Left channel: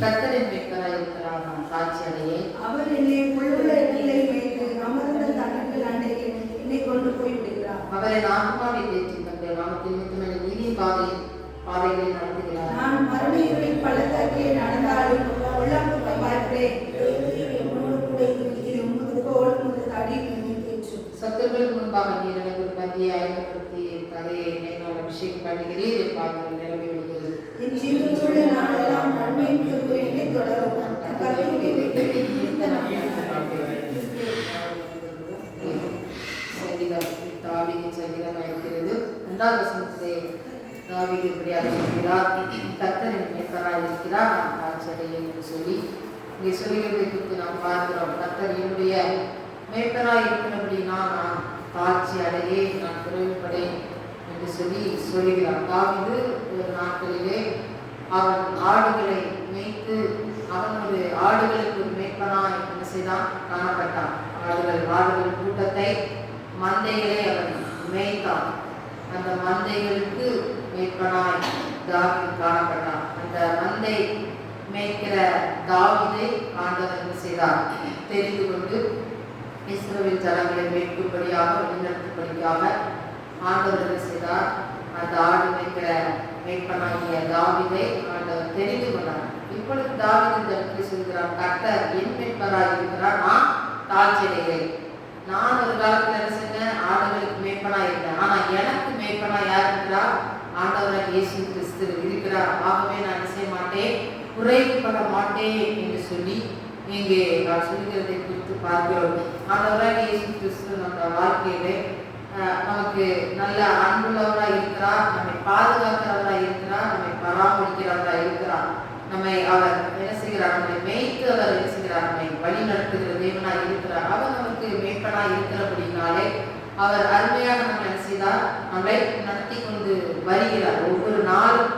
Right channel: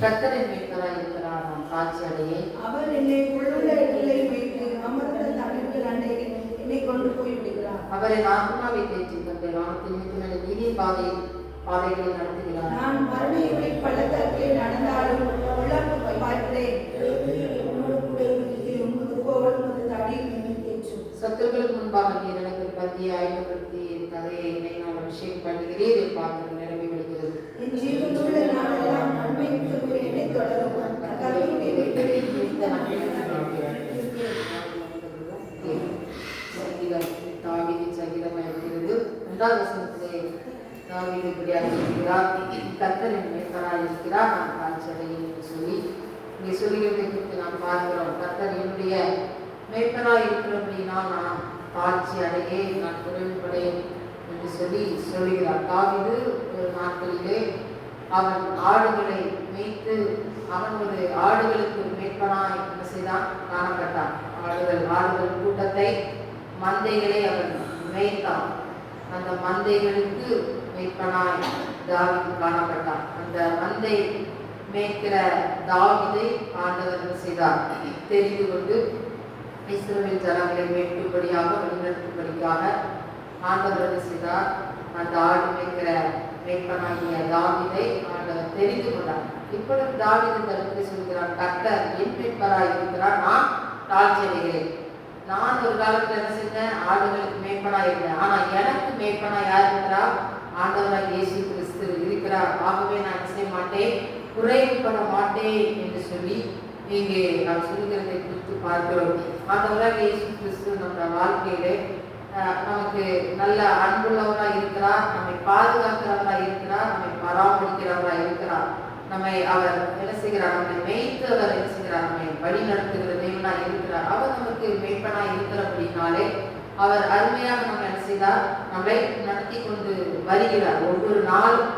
கர்த்தரின் மீட்பராய் இருக்கிறார், நான் தாழ்ச்சி அடையேன். அவர் என்னை புல்லுள்ள இடத்திலே மேய்த்து அமர்ந்த தண்ணீர்கள் அண்டையில் என்னை கொண்டு போய் விடுகிறார். அவர் என் ஆத்மாவை தேற்றி தந்தை வானத்தில் நிற்கும் நீதி பாதைகளை நடத்துகிறார். நான் மறுமையில் பள்ளத்தாக்கிலே நடந்தாலும் உள்ளாப்பு பயப்படேன். என்னோடு கூட இருக்கிறது உமது கோல் உமது தடி என்னை தேற்றும். சத்துருக்களுக்கு முன்பாக நீர் எனக்கு ஒரு கத்தியை ஆயத்தப்படுத்தி தலையை என்னை நான் அபிஷேகம் பண்ணுகிறேன். என் பாதங்கள் நிரம்பி விடுகிறது. என் ஜீவனுள்ள நாளெல்லாம் நன்மையின் கிருபை என்னை தொடரும். கர்த்தருடைய வீட்டிலே நீடித்த நாட்கள் தாவீதின் சங்கீதம் இருக்கிறது. 2வது வசனத்திலே தாவீது இப்படியாக இருக்கிறார், கர்த்தரின் மீட்பராய் இருக்கிறார், நான் தாழ்ச்சி அடையேன் என்று சொல்லி இங்கே சொல்லுகிறதை குறித்து நாம் பார்க்கிறோம். கர்த்தர் என்னுடைய மீட்பராய் இருக்கிறபடினா நான் தாழ்ச்சி அடையேன், நான் குறைவுபடேன் என்று சொல்லி சொல்லுகிறார். தாவீது ஒரு நாட்களிலே அவன் ஆடுகளை மேய்த்து அவன் ஒரு ஆடுகளுக்கு ஒரு மீட்பனாய் என்ன செய்தான், காணப்பட்டான். ஆடுகள் கூட்டத்தை மந்தைகளை அவன் மேய்த்தான். அந்த மந்தைகளுக்கு மீட்பனாய் தாவீது காணப்பட்டான். அந்த மந்தை மேய்க்கிற தாவீதை ஆண்டவர் என்ன செய்தார், தெரிந்து கொண்டு இஸ்ரவேல் ஜனங்களை மேய்க்கும்படியாக வழிநடத்தும்படியாக ஆண்டவர் என்ன செய்தார், அந்த ஆடு மேய்க்கிற மேய்ப்பனாகிய தாவீதை ஆண்டவர் தெரிந்து கொண்டார். இப்பொழுது தாவீது தனக்கு சொல்கிறார், கர்த்தர் என் மீட்பராய் இருக்கிறார், நான் தாழ்ச்சி அடைகிறேன். நான் ஒரு காலத்தில் என்ன செஞ்சேன், ஆடுகளுக்கு மேய்ப்பனா இருந்தேன். ஆனா எனக்கு மேய்ப்பனா யார் இருக்கிறார், ஆண்டவராக இயேசு கிறிஸ்து இருக்கிறார். ஆகவே நான் என்ன செய்ய மாட்டேன், குறைவுபட மாட்டேன் என்று சொல்லி இங்கே நான் சொல்லுகிறதை குறித்து பார்க்கிறோம். ஆண்டவராக இயேசு கிறிஸ்து நம்ம வாழ்க்கையிலே நமக்கு நல்ல அன்புள்ளவராக இருக்கிறார், நம்மை பாதுகாக்கிறவராக இருக்கிறார், நம்மை பராமரிக்கிறவராக இருக்கிறார். நம்மை அவர் என்ன செய்கிறார், நம்மை மேய்த்து அவர் என்ன செய்கிறார், நம்மை வழி நடத்துகிற தேவனாக இருக்கிறார். அவர் நமக்கு மேய்ப்பனாக இருக்கிறபடினாலே அவர் அருமையாக நம்ம என்ன செய்தார், நம்மை நடத்தி கொண்டு வருகிறார். ஒவ்வொரு நாளும்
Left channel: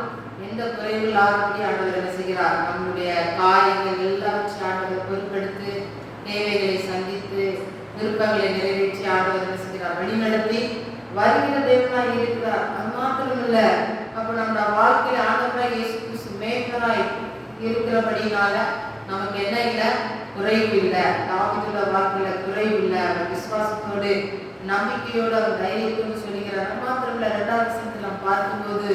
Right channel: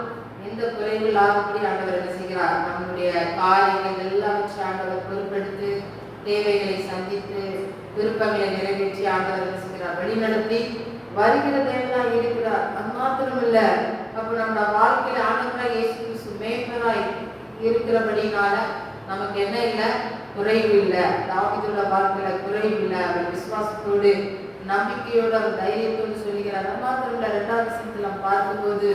எந்த குறைவில் ஆகப்படி ஆண்டவர் என்ன செய்கிறார், நம்முடைய காரியங்கள் எல்லாவற்றையும் ஆண்டவர் பொறுப்பெடுத்து தேவைகளை சந்தித்து விருப்பங்களை நிறைவேற்றி ஆண்டவர் என்ன செய்கிறார், வழிநடத்தி வருகிற தேவனாக இருக்கிறார். அது மாத்திரமல்ல, அப்ப நம்ம வாழ்க்கையில ஆண்டவராக இயேசு கிறிஸ்து மேய்ப்பராய் இருக்கிறபடினால நமக்கு என்ன இல்லை, குறைவு இல்லை. தாவீதுள்ள வாழ்க்கையில குறைவு இல்லை. அவர் விசுவாசத்தோடு நம்பிக்கையோடு அவர் தைரியத்தோடு சொல்லுகிறார். அது மாத்திரமல்ல, 2வது வசனத்தில் நாம் பார்க்கும்போது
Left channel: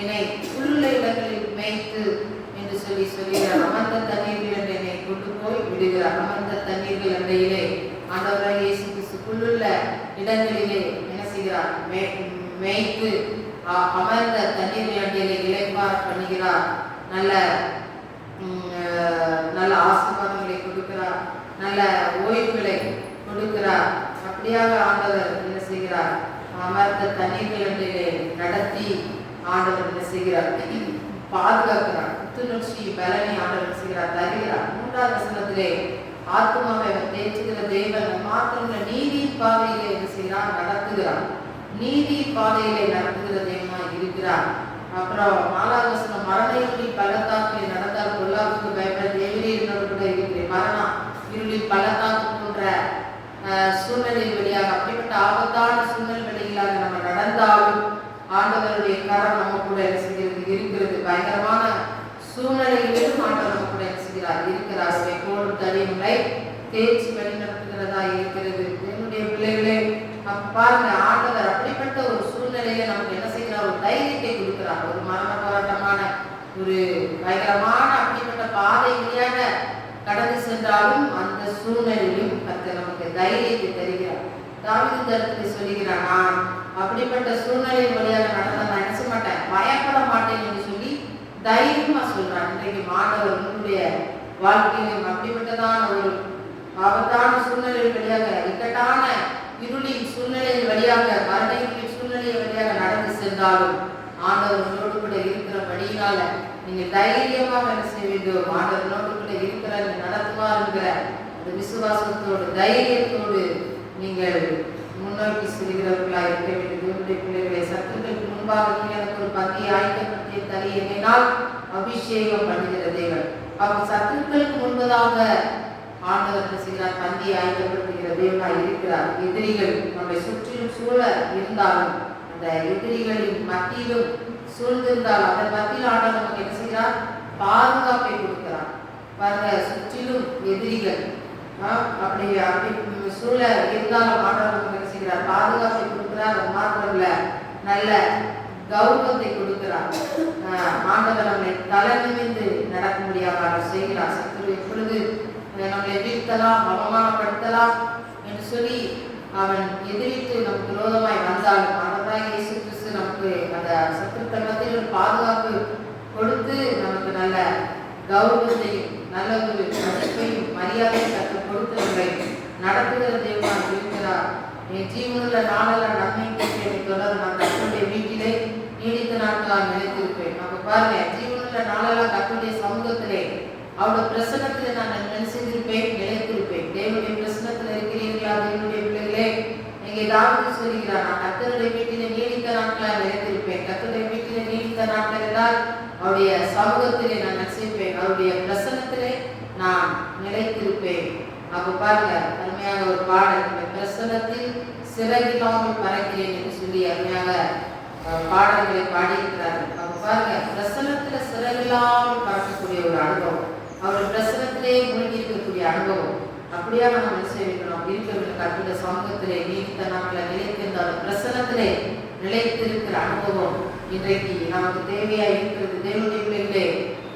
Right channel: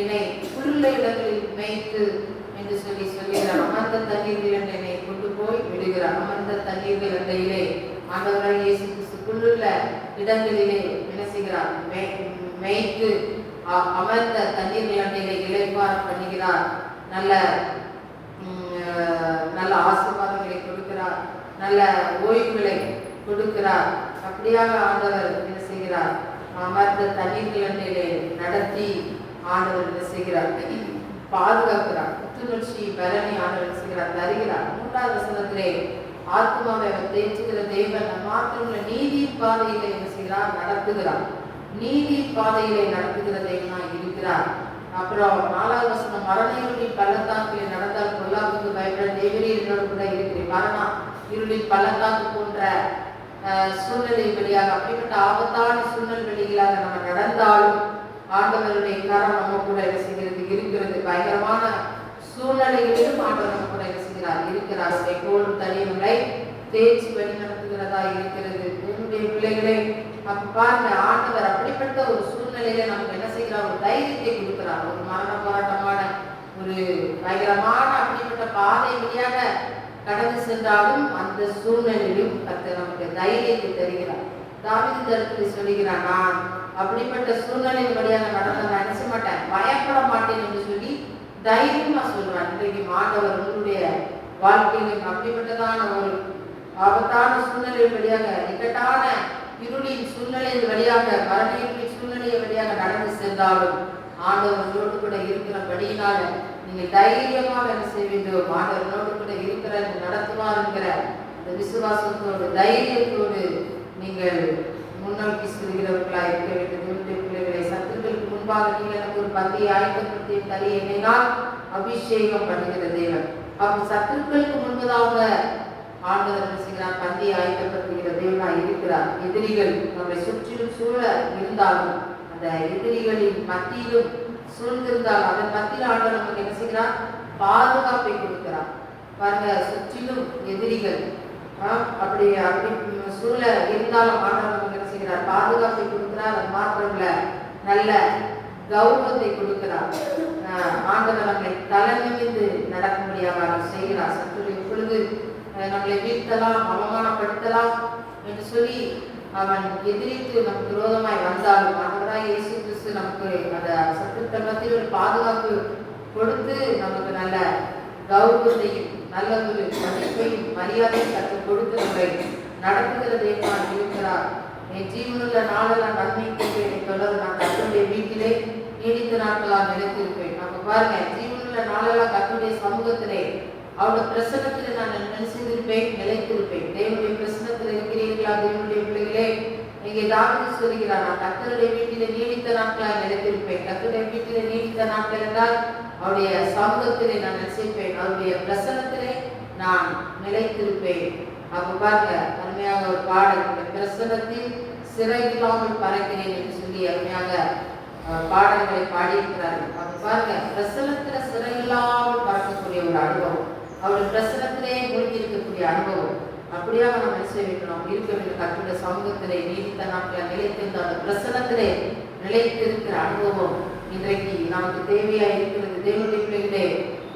என்னை புல்லுள்ள இடங்களில் மேய்த்து என்று சொல்லி சொல்லுகிறார். அமர்ந்த தண்ணீர்கள் என்னை கொண்டு போய் விடுகிறார். அமர்ந்த தண்ணீர்கள் அண்டையிலே ஆண்டவராக இயேசு கிறிஸ்து புல்லுள்ள இடங்களிலே என்ன செய்கிறார், மேய்த்து அமர்ந்த தண்ணீர்கள் அண்டையிலே இளைப்பாற பண்ணுகிறார். நல்ல நல்ல ஆசீர்வாதங்களை கொடுக்கிறார், நல்ல ஓய்வுகளை கொடுக்கிறார். அப்படியாக ஆண்டவர் என்ன செய்கிறார், அமர்ந்த தண்ணீர்கள் அண்டையிலே நடத்தி ஆண்டவர் என்ன செய்கிறார், பாதுகாக்கிறார். புத்துணர்ச்சி பலனை ஆண்டவர் செய்கிறார், தருகிறார். 3வது வசனத்திலே ஆத்மாவை அவர் தேற்றுகிற தேவன் மாத்திரமல்ல, நீதி பாதையிலே என்ன செய்கிறார், நடத்துகிறார். நீதி பாதையிலே நடத்துகிற தேவனாய் இருக்கிறார். அப்புறம் 4வது வசனம், மரண இருளின் பள்ளத்தாக்கில் நடந்தால் பொல்லாப்புக்கு பயப்பட தேவரீரோடு கூட இருக்கிறேன். மரணம் இருளின் பள்ளத்தாக்கு போன்ற சூழ்நிலை வழியாக, அப்படிப்பட்ட ஆபத்தான சூழ்நிலை வழிகளாக நம்ம நடந்தாலும் ஆண்டவருடைய கரம் நம்ம கூட என்ன செய்கிறது, இருக்கிறது. பயங்கரமான சூழ்நிலைகளிலும் ஆண்டவர் நம்ம கூட என்ன செய்கிறார், இருக்கிறார். கோடும் தனியங்களை தேய்ச்சி வழி நடத்துகிறதா இருக்கிறது. என்னுடைய பிள்ளைகளே, பாருங்க, ஆண்டவர் அப்படிப்பட்ட ஒரு சூழ்நிலையில நமக்கு என்ன செய்கிறார், ஒரு தைரியத்தை கொடுக்கிறார். ஒரு மரண போராட்டமான ஒரு பயங்கரமான அப்படிப்பட்ட பாதை வழியாக கடந்து சென்றாலும் அந்த சூழ்நிலையிலும் கர்த்தர் நமக்கு தைரியத்தை தருகிறார். தாவீது தனக்கு சொல்லுகிறார், நான் அப்படிப்பட்ட சூழ்நிலை வழியாக நடந்த நான் நினைச்ச மாட்டேன், பயப்பட மாட்டேன் என்று சொல்லி தைரியமா சொல்றான். இன்றைக்கு ஆண்டவர் உங்களுடைய வாழ்க்கையிலும் அப்படிப்பட்டதான ஒரு ஆபத்தான சூழ்நிலை வழியாக, இக்கட்டான இருளின் சூழ்நிலை வழியாக, மரண இருளின் சூழ்நிலை வழியாக நடந்து சென்றாலும் ஆண்டவர் உங்களோடு கூட இருக்கிறபடியினால நீங்க தைரியமாக என்ன செய்ய வேண்டும், ஆண்டவர் உங்களோடு கூட இருக்கிற நடத்துவார் என்கிற அந்த விசுவாசத்தோடு தைரியத்தோடு நீங்கள் முன்னோக்கி செல்கிறவர்களாக இருக்க வேண்டும். தேவனுடைய பிள்ளைகளை, சத்துருக்களுக்கு முன்பாக நீங்கள் எனக்கு ஒரு பந்தியை ஆயத்தப்படுத்தி தரி எண்ணினால் அபிஷேகம் பண்ணுகிற தேவன். அப்போ சத்துருக்களுக்கு முன்பதாக ஆண்டவர் என்ன செய்கிறார், பந்தியை ஆயத்தப்படுத்துகிற தேவனாக இருக்கிறார். எதிரிகள் நம்மை சுற்றிலும் சூழ இருந்தாலும், அந்த எதிரிகளின் மத்தியிலும் சூழ்ந்திருந்தால் அதன் மத்தியில் ஆண்டவர் நமக்கு என்ன செய்கிறார், பாதுகாப்பை கொடுக்கிறார். பாருங்க, சுற்றிலும் எதிரிகள் அப்படி அப்படி சூழ இருந்தாலும் ஆண்டவர் என்ன செய்கிறார்? பாதுகாப்பை கொடுக்கிறார். அது மாத்திரம் இல்ல, நல்ல கௌரவத்தை கொடுக்கிறார். ஆண்டவர் நம்மை தலை நிமிர்ந்து நடக்க முடியாத செய்கிறார். சத்துரு எப்பொழுது நம்மை வீழ்த்தலாம், அவமானப்படுத்தலாம் என்று சொல்லி அவன் எதிரித்து நமக்கு விரோதமாய் வந்தாலும் ஆண்டவராய் இயேசு கிறிஸ்து நமக்கு அந்த சத்துருக்கள் மத்தியில் ஒரு பாதுகாப்பு கொடுத்து நமக்கு நல்ல கௌரவத்தையும் நல்ல ஒரு மதிப்பையும் மரியாதையும் கற்றுக் கொடுத்து நம்மை நடத்துகிற தேவனாய் இருக்கிறார். என் ஜீவனுள்ள நாளெல்லாம் நன்மை தொடர் நான் கர்த்தருடைய வீட்டிலே நீடித்த நாட்களால் நிலைத்திருப்பேன். நம்ம பாருங்க, ஜீவனுள்ள நாளெல்லாம் கர்த்தருடைய சமூகத்திலே அவருடைய பிரசனத்திலே நான் நினைச்சிருப்பேன், நிலைத்திருப்பேன். தேவனுடைய பிரசனத்தில் இருக்கிறீர்களா தேவனுடைய பிள்ளைகளே? இங்கே தாவீது சொல்கிறார், நான் கர்த்தருடைய வீட்டிலே நீடித்த நாட்களால் நிலைத்திருப்பேன். கர்த்தருடைய வீட்டிலே நீடித்த நாட்கள் என்றால் அவருடைய சமூகத்திலே நான் நினைச்சிருப்பேன், அவருடைய பிரசனத்திலே நான் நிலைத்திருப்பேன். அப்ப பாருங்க, அருமையாக ஒரு பாடல், இந்த பிரசனத்தில் சிறகில்லாமல் பறக்கிறேன் என்று சொல்லி அருமையாக பாடல்களை பாடியிருக்கிறார்கள். அவங்க பாருங்க, பிரசனத்துல சிறகில்லாமல் பறக்கக்கூடிய ஒரு அனுபவம், அவருடைய பிரசனத்திலே மூழ்கி இருக்கக்கூடிய அனுபவம். அப்படியாக நம்ம என்ன செய்யணும்? இருக்கிற கர்த்தருடைய சமூகத்திலே நீடித்த நாட்கள் நிலைத்திருந்த அந்த பிரசனத்திலே நிலைத்திருக்கிற அனுபவம் இன்றைக்கு நமக்கு தேவையா இருக்கிறது. தேவனுடைய பிள்ளைகளே,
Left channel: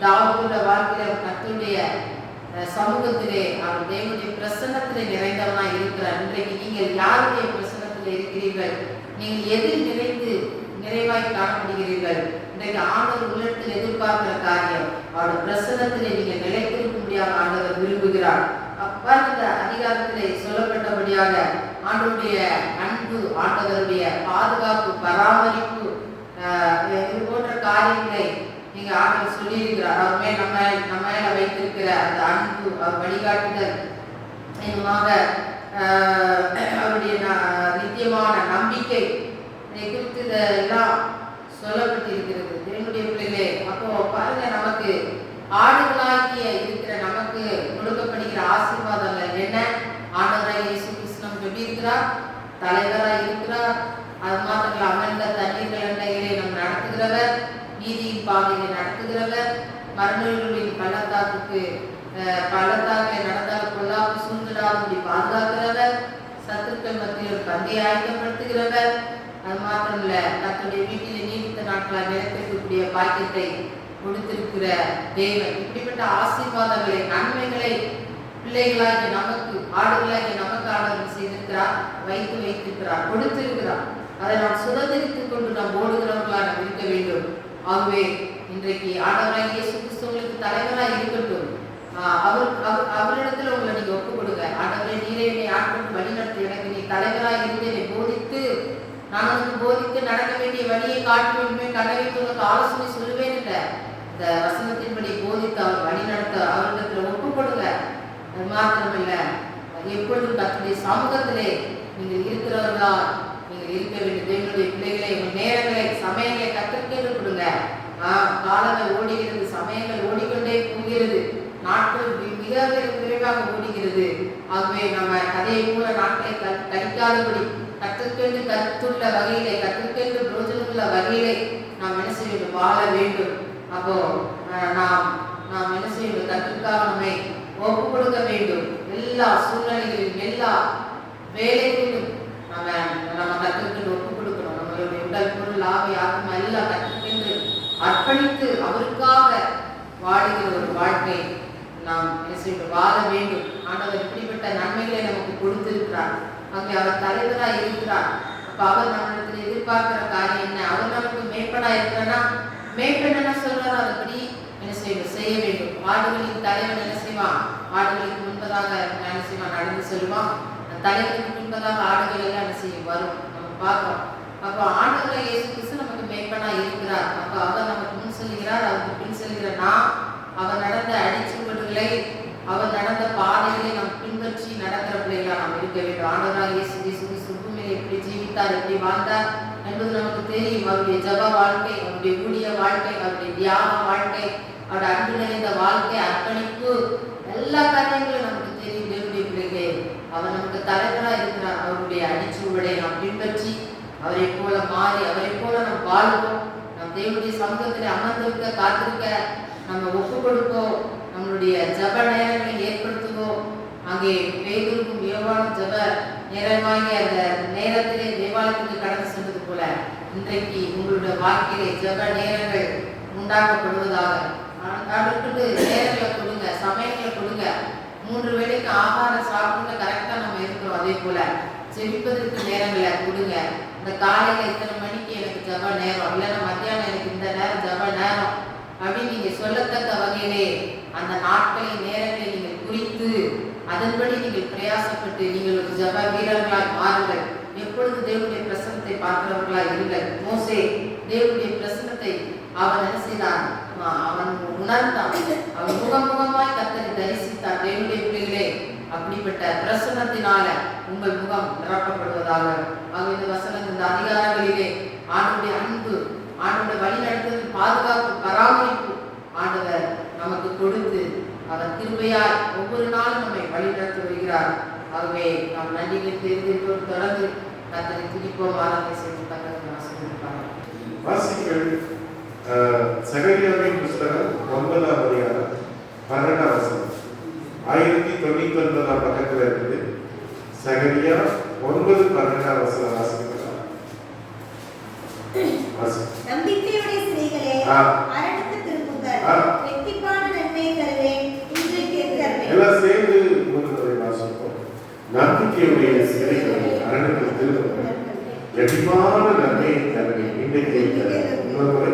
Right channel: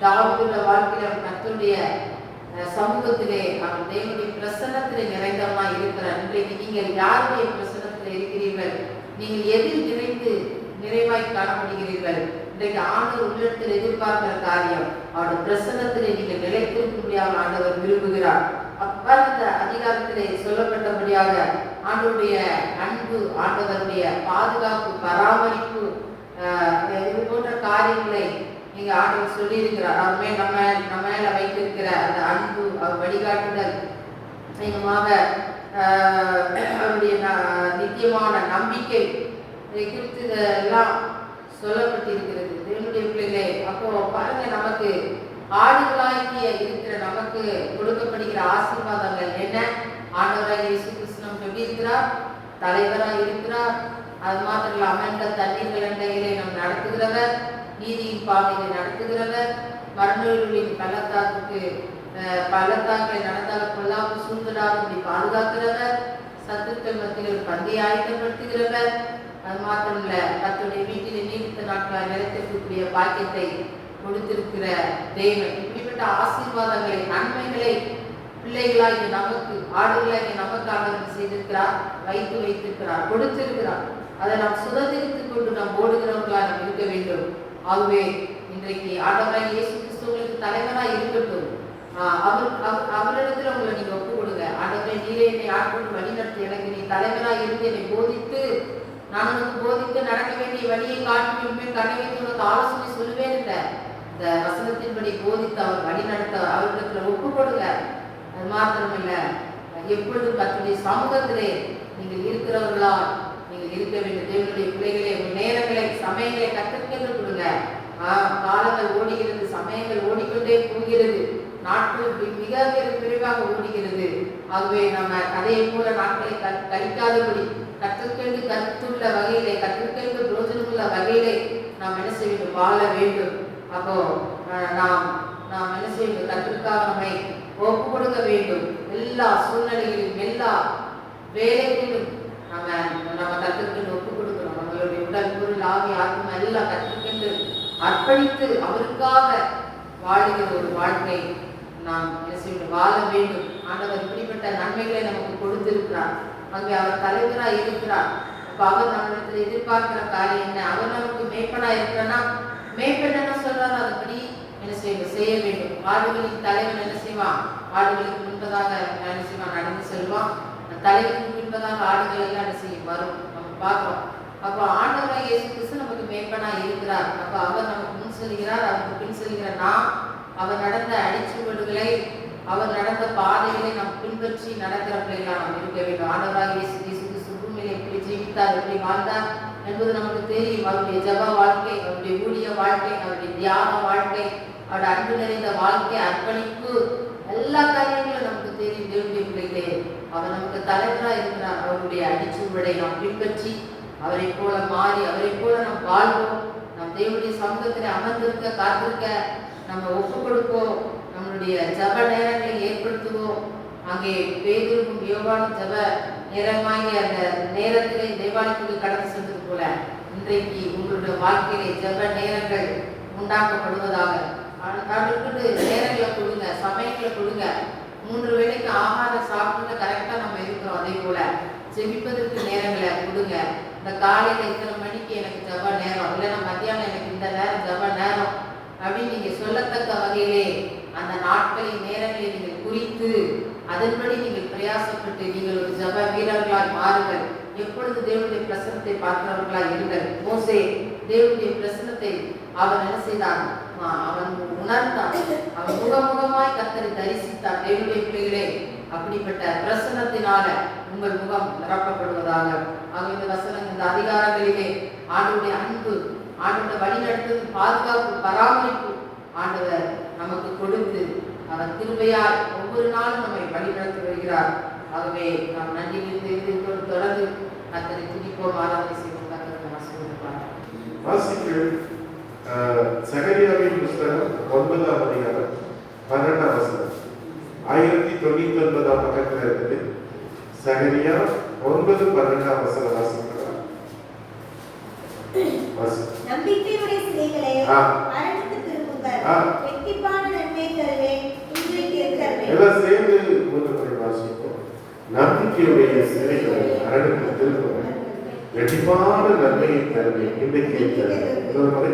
தாவீதுடைய வாழ்க்கையில கர்த்தருடைய சமூகத்திலே அவர் தேவனுடைய பிரசன்னத்திலே நிறைந்தவனா இருக்கிறார். இன்றைக்கு நீங்கள் யாருடைய பிரசன்னத்தில் இருக்கிறீர்கள்? நீங்கள் எதில் நிறைவாய் காணப்படுகிறீர்கள்? இன்றைக்கு ஆண்டவர் உள்ளத்தில் எதிர்பார்க்கிற காரியம், அவருடைய பிரசன்னத்திலே நீங்கள் நிலைத்திருக்கும்படியாக ஆண்டவர் விரும்புகிறார். அந்த அதிகாரத்திலே சொல்லப்பட்டபடியாக ஆண்டவருடைய அன்பு, ஆண்டவருடைய பாதுகாப்பு, பராமரிப்பு, இது போன்ற காரியங்களை நீங்க ஆண்டவர் சொல்லி இருக்கிறார். அவருமே நம்ம மேல வைத்திருக்கிற அந்த அன்பு, அவர் வழிகாட்டுதல், அவருடைய நித்தியமான நம்பிக்கை, இதை குறித்து இதெல்லாம் சொல்லப்பட்டிருக்கிறது. தேவனுடைய பிள்ளைகளே, அப்போ பாருங்க, நமக்கு ஆடுகளாகிய இருக்கிற நமக்கு கொடுக்கப்படுகிற ஆசீர்வாதங்கள் என்ன? ஆண்டவராகிய இயேசு கிறிஸ்து நமக்கு எப்படி இருக்கிறார்? தலைவராக இருக்கிறார். அது மாத்திரம் அமர்ந்த தண்ணீர்கள் அண்டையிலே நம் நடத்துகிறவர், நீதியின் பாதையை நடத்துகிறவர், மரணங்களின் பள்ளத்தாக்கை நடந்தால் கொள்ளாமல் சூழ்நிலாக பாதுகாக்கிறவர், சத்துக்கள் மத்தியில் ஒரு பந்தை ஆயத்தப்படுத்துகிறவர். அது மாத்திரம் இல்ல, கர்த்தருடைய வீட்டில் நீடித்த நாட்களாக நிலைத்திருக்கக்கூடிய பாக்கியத்தை கொடுத்திருக்கிற தேவன். இப்படிப்பட்ட ஆசீர்வாதங்களை, நன்மைகளை பிள்ளைகளாகி நமக்கு, ஆடுகளாகி நமக்கு ஆண்டவர் செய்திருக்கிறார், வைத்திருக்கிறார், கொடுத்திருக்கிறார். அதை நாம் சுதந்திரித்துக் கொண்டு நாம் ஓடுகிறவர்களாக இருக்க வேண்டும். ஆகவே இன்றைக்கு ஆண்டவராகிய இயேசு கிறிஸ்து உங்களுக்கு தலைவராக இருக்கட்டும். அவரிடத்துல உங்களை நீங்க ஒப்பு கொடுங்க. ஆண்டவரே, நீரே என்னை ஆட்கொண்டு வழி நடத்தி, எனக்கு நீ தலைவராக இருந்து என்னை போதித்து, நான் உனக்கு போதித்து நடக்க வேண்டிய வழியை காட்டுவேன், கடவுளுக்கு உனக்கு ஆலோசனை சொல்லுவேன் என்ற இந்த வசனத்தின்படி போதித்து அவர் வழி நடத்த அவரிடத்துல ஒப்பு கொடுங்க. அது மாத்திரமில்ல, எப்பொழுதும் கர்த்தருடைய சமூகத்திலே நீங்கள் இருக்கிறவர்களா நீங்கள் இருக்க வேண்டும். தேவனுடைய பிள்ளைகளை, உங்கள் நேரங்களை, சமயங்களை கற்றுக்கொண்டு கொடுங்க. காலங்கள் ஓடுகிறது, சமயங்கள் ஓடிக்கொண்டே போகிறது, நாட்கள் மிக விரைவாக ஓடுகிறது. ஆகவே நம்ம அதே போல நாட்களை கழிக்காதபடி கற்றுக்கொண்டு கற்றுள்ள வகையிலே, கற்றுக்கொண்டு பிரோஜனமுள்ள வகையிலே நாம் என்ன செய்ய வேண்டும்? வாழ வேண்டும். அப்போ நாம் என்ன செய்ய வேண்டும்? கற்றுக்காக நம்மை ஒப்பு கொடுக்க வேண்டும். எல்லா சூழ்நிலைகளிலும், எல்லா வேலைகளிலும் நம்ம கற்றுக்கொண்டு ஒப்பு கொடுக்கணும். நம்மளுடைய உடல், பொருள், ஆவி, ஆத்மா எல்லாம் கற்றுக்கொண்டு அர்ப்பணித்து அவருக்காக வாழுகிற ஒரு வாழ்க்கை நாம் என்ன செய்ய வாழ வேண்டும். ஆண்டவர் இப்படிப்பட்ட நன்மைகளை நமக்கு கொடுத்திருக்கிறார். ஆகவே அவர் தலைவராக இருக்கிறார். அப்ப அவர் நம்மளுக்கு எதிர்பார்க்கிற காரியம் என்ன? அவர் நமக்கு மேய்ப்பனா இருக்கிறனா, மேய்ப்பன் என்ன சொல்றாரோ அதுபடி என்ன செய்ய வேண்டும். ஆடுகளின் தலைவன் என்ன செய்வான்? ஆடுகளுக்கு முன்பதாக என்ன செய்வான்? நடந்து செல்வான். தலைவனுக்கு முன்பதாக ஆடுகள் எல்லாம் என்ன செய்யும்? வரும். நம்ம பார்க்கிறோம். அப்போ ஆண்டவராகிய இயேசு கிறிஸ்து நமக்கு மேய்ப்பனா இருக்கிறார். அப்ப அவர் நமக்கு முன் செல்கிறார், அவருக்கு பின் செல்கிற நாம் அவர் நடந்த அடிச்சுவடுகளை, அவர் நடந்த பாதைகளை நாம் பின்பற்றி நடக்கிற பிள்ளைகளா நாம் இருக்க வேண்டும். ஆண்டவராகிய இயேசு கிறிஸ்து பூமியிலே எப்படி ஜீவித்தார், எப்படி வாழ்ந்தார் என்பது நமக்கு தெரியும். அவருடைய ஜெப வாழ்க்கை, அவருடைய ஊழிய வாழ்க்கை, அவருடைய தியாக வாழ்க்கை, அவருடைய அன்பு நிறைந்த வாழ்க்கை, அர்ப்பணிப்பு, எல்லா காரியங்களும் நமக்கு தெரியும். தேவனுடைய பிள்ளைகளே, அவர் நமக்கு தலைவராக இருக்கிறார். அவருடைய அடிச்சுவடை நாம் பின்பற்றி அவரை போல மாறி, அவரை போல நாம் வாழ்வோம். நம் தேவனுடைய சமூகத்தில் அமர்ந்திருக்க, காத்திருக்க நம்ம ஒப்பு இன்றைக்கு உங்களுடைய வாழ்க்கையிலே ஜெப நேரங்கள் உண்டாக்கப்படுவதாக. கடவுளுக்கு நேரங்களை கொடுங்க, சமயங்களை கொடுங்க. 3 வேளைக்கு ஆகாரம் சாப்பிட்டு கரெக்டாக நம்ம இருக்கிறோம். அதே போல செவிப்பதற்கு நேரங்களை கொடுங்க. இந்த காலையில் இத்தனை மணிக்கு எனக்கு ஜப நேரம், இல்லைன்னா மத்தியானம் எனக்கு இந்த நேரம் ஜப நேரம் அப்படின்னு நீங்கள் சொல்லத்தக்க வகையிலே அந்த நாட்களின் நேரங்களை நீங்கள் குறித்து அதன்படி நீங்கள் பிரயாசப்பட்டு நீங்கள் ஒரு ஜப வீரர்களால் மாறுங்கள். எப்பொழுது தேவனுடைய பிரசனத்தை பார்க்கிறவர்களாக இருங்கள். மோசே தேவனுடைய பிரசனத்தை அவன் என்ன செய்தான்? அவன் உணர்ந்தான். அவன் முகமுகமாய் கர்த்தரை தரிசித்தான். தேவனுடைய பிள்ளைகளே, அப்படிப்பட்ட பிரசனத்தினால உங்கள் முகம் நிரப்பப்படுவதாக. ஆக இந்த வசனங்கள், இந்த அதிகாரங்களிலே ஆண்டவருடைய அன்பு, ஆண்டவருடைய வழிநடத்துவது, பாதுகாப்பு, பராமரிப்பு ஆண்டவர் நமக்கு கொடுத்து அவர் கிருபையால் ஒவ்வொரு நாளும் நம்மை வழிநடத்தி வருகிறார். ஆகவே நாம் நன்றியை தெரிந்து தொடர்ந்து கர்த்தரை துதிப்போம், ஆராதனை செய்வோம். கர்த்தரை ஆசீர்வதிப்பார். சகரியாவின் புஸ்தகம் 9ஆம் அதிகாரம் 12ஆம் வசனம் 1099 பக்கத்தில் இருக்குது. சகரியா 9:12 வசனம் வாசிக்கலாம். நம்பிக்கையுடைய சிலைகளே, அரணுக்கு திரும்புங்கள். வெற்றிப்பான நன்மையை தருவேன், இன்றைக்கே தருவேன். எல்லாம் சேர்ந்து ஒரு முறை வாசிப்போம். நம்பிக்கையுடைய சிலைகளே, அரணுக்கு திரும்புங்கள். வெற்றிப்பான நன்மையை தருவேன், இன்றைக்கே தருவேன். இன்னொரு முறை.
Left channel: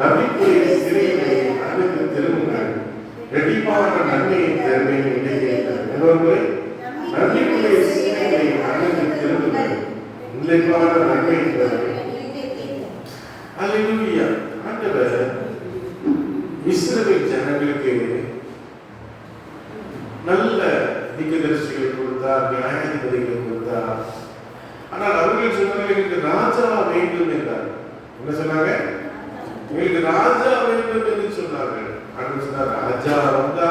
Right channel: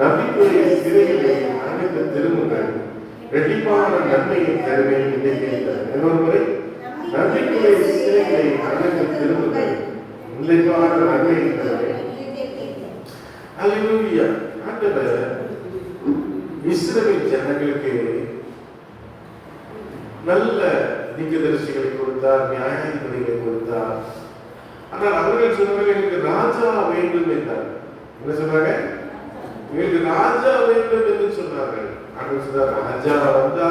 நம்பிக்கையுடைய சிலைகளை அரணுக்கு திரும்புங்கள். வெற்றிப்பான நன்மையை தருவேன், இன்றைக்கே தருவேன். இன்னொரு முறை. நம்பிக்கையுடைய சிலைகளை அரணுக்கு திரும்புங்கள். இன்றைக்கான நன்மையை தருவேன். அல்லேலூயா. ஆண்டவர் இஸ்ரவேல் ஜனங்களுக்கு நல்ல தீர்க்கதரிசிகளை கொடுத்தார், நியாயாதிபதிகளை கொடுத்தார். ஆனால் அவர்கள் சொன்னார்கள், எங்களுக்கு ராஜா வேண்டும் என்றார். என்ன சொன்னாங்க? எங்களுக்கு ராஜா வேண்டும் என்று சொன்னார்கள். ஆண்டவர் சொன்னார், ராஜா வந்தா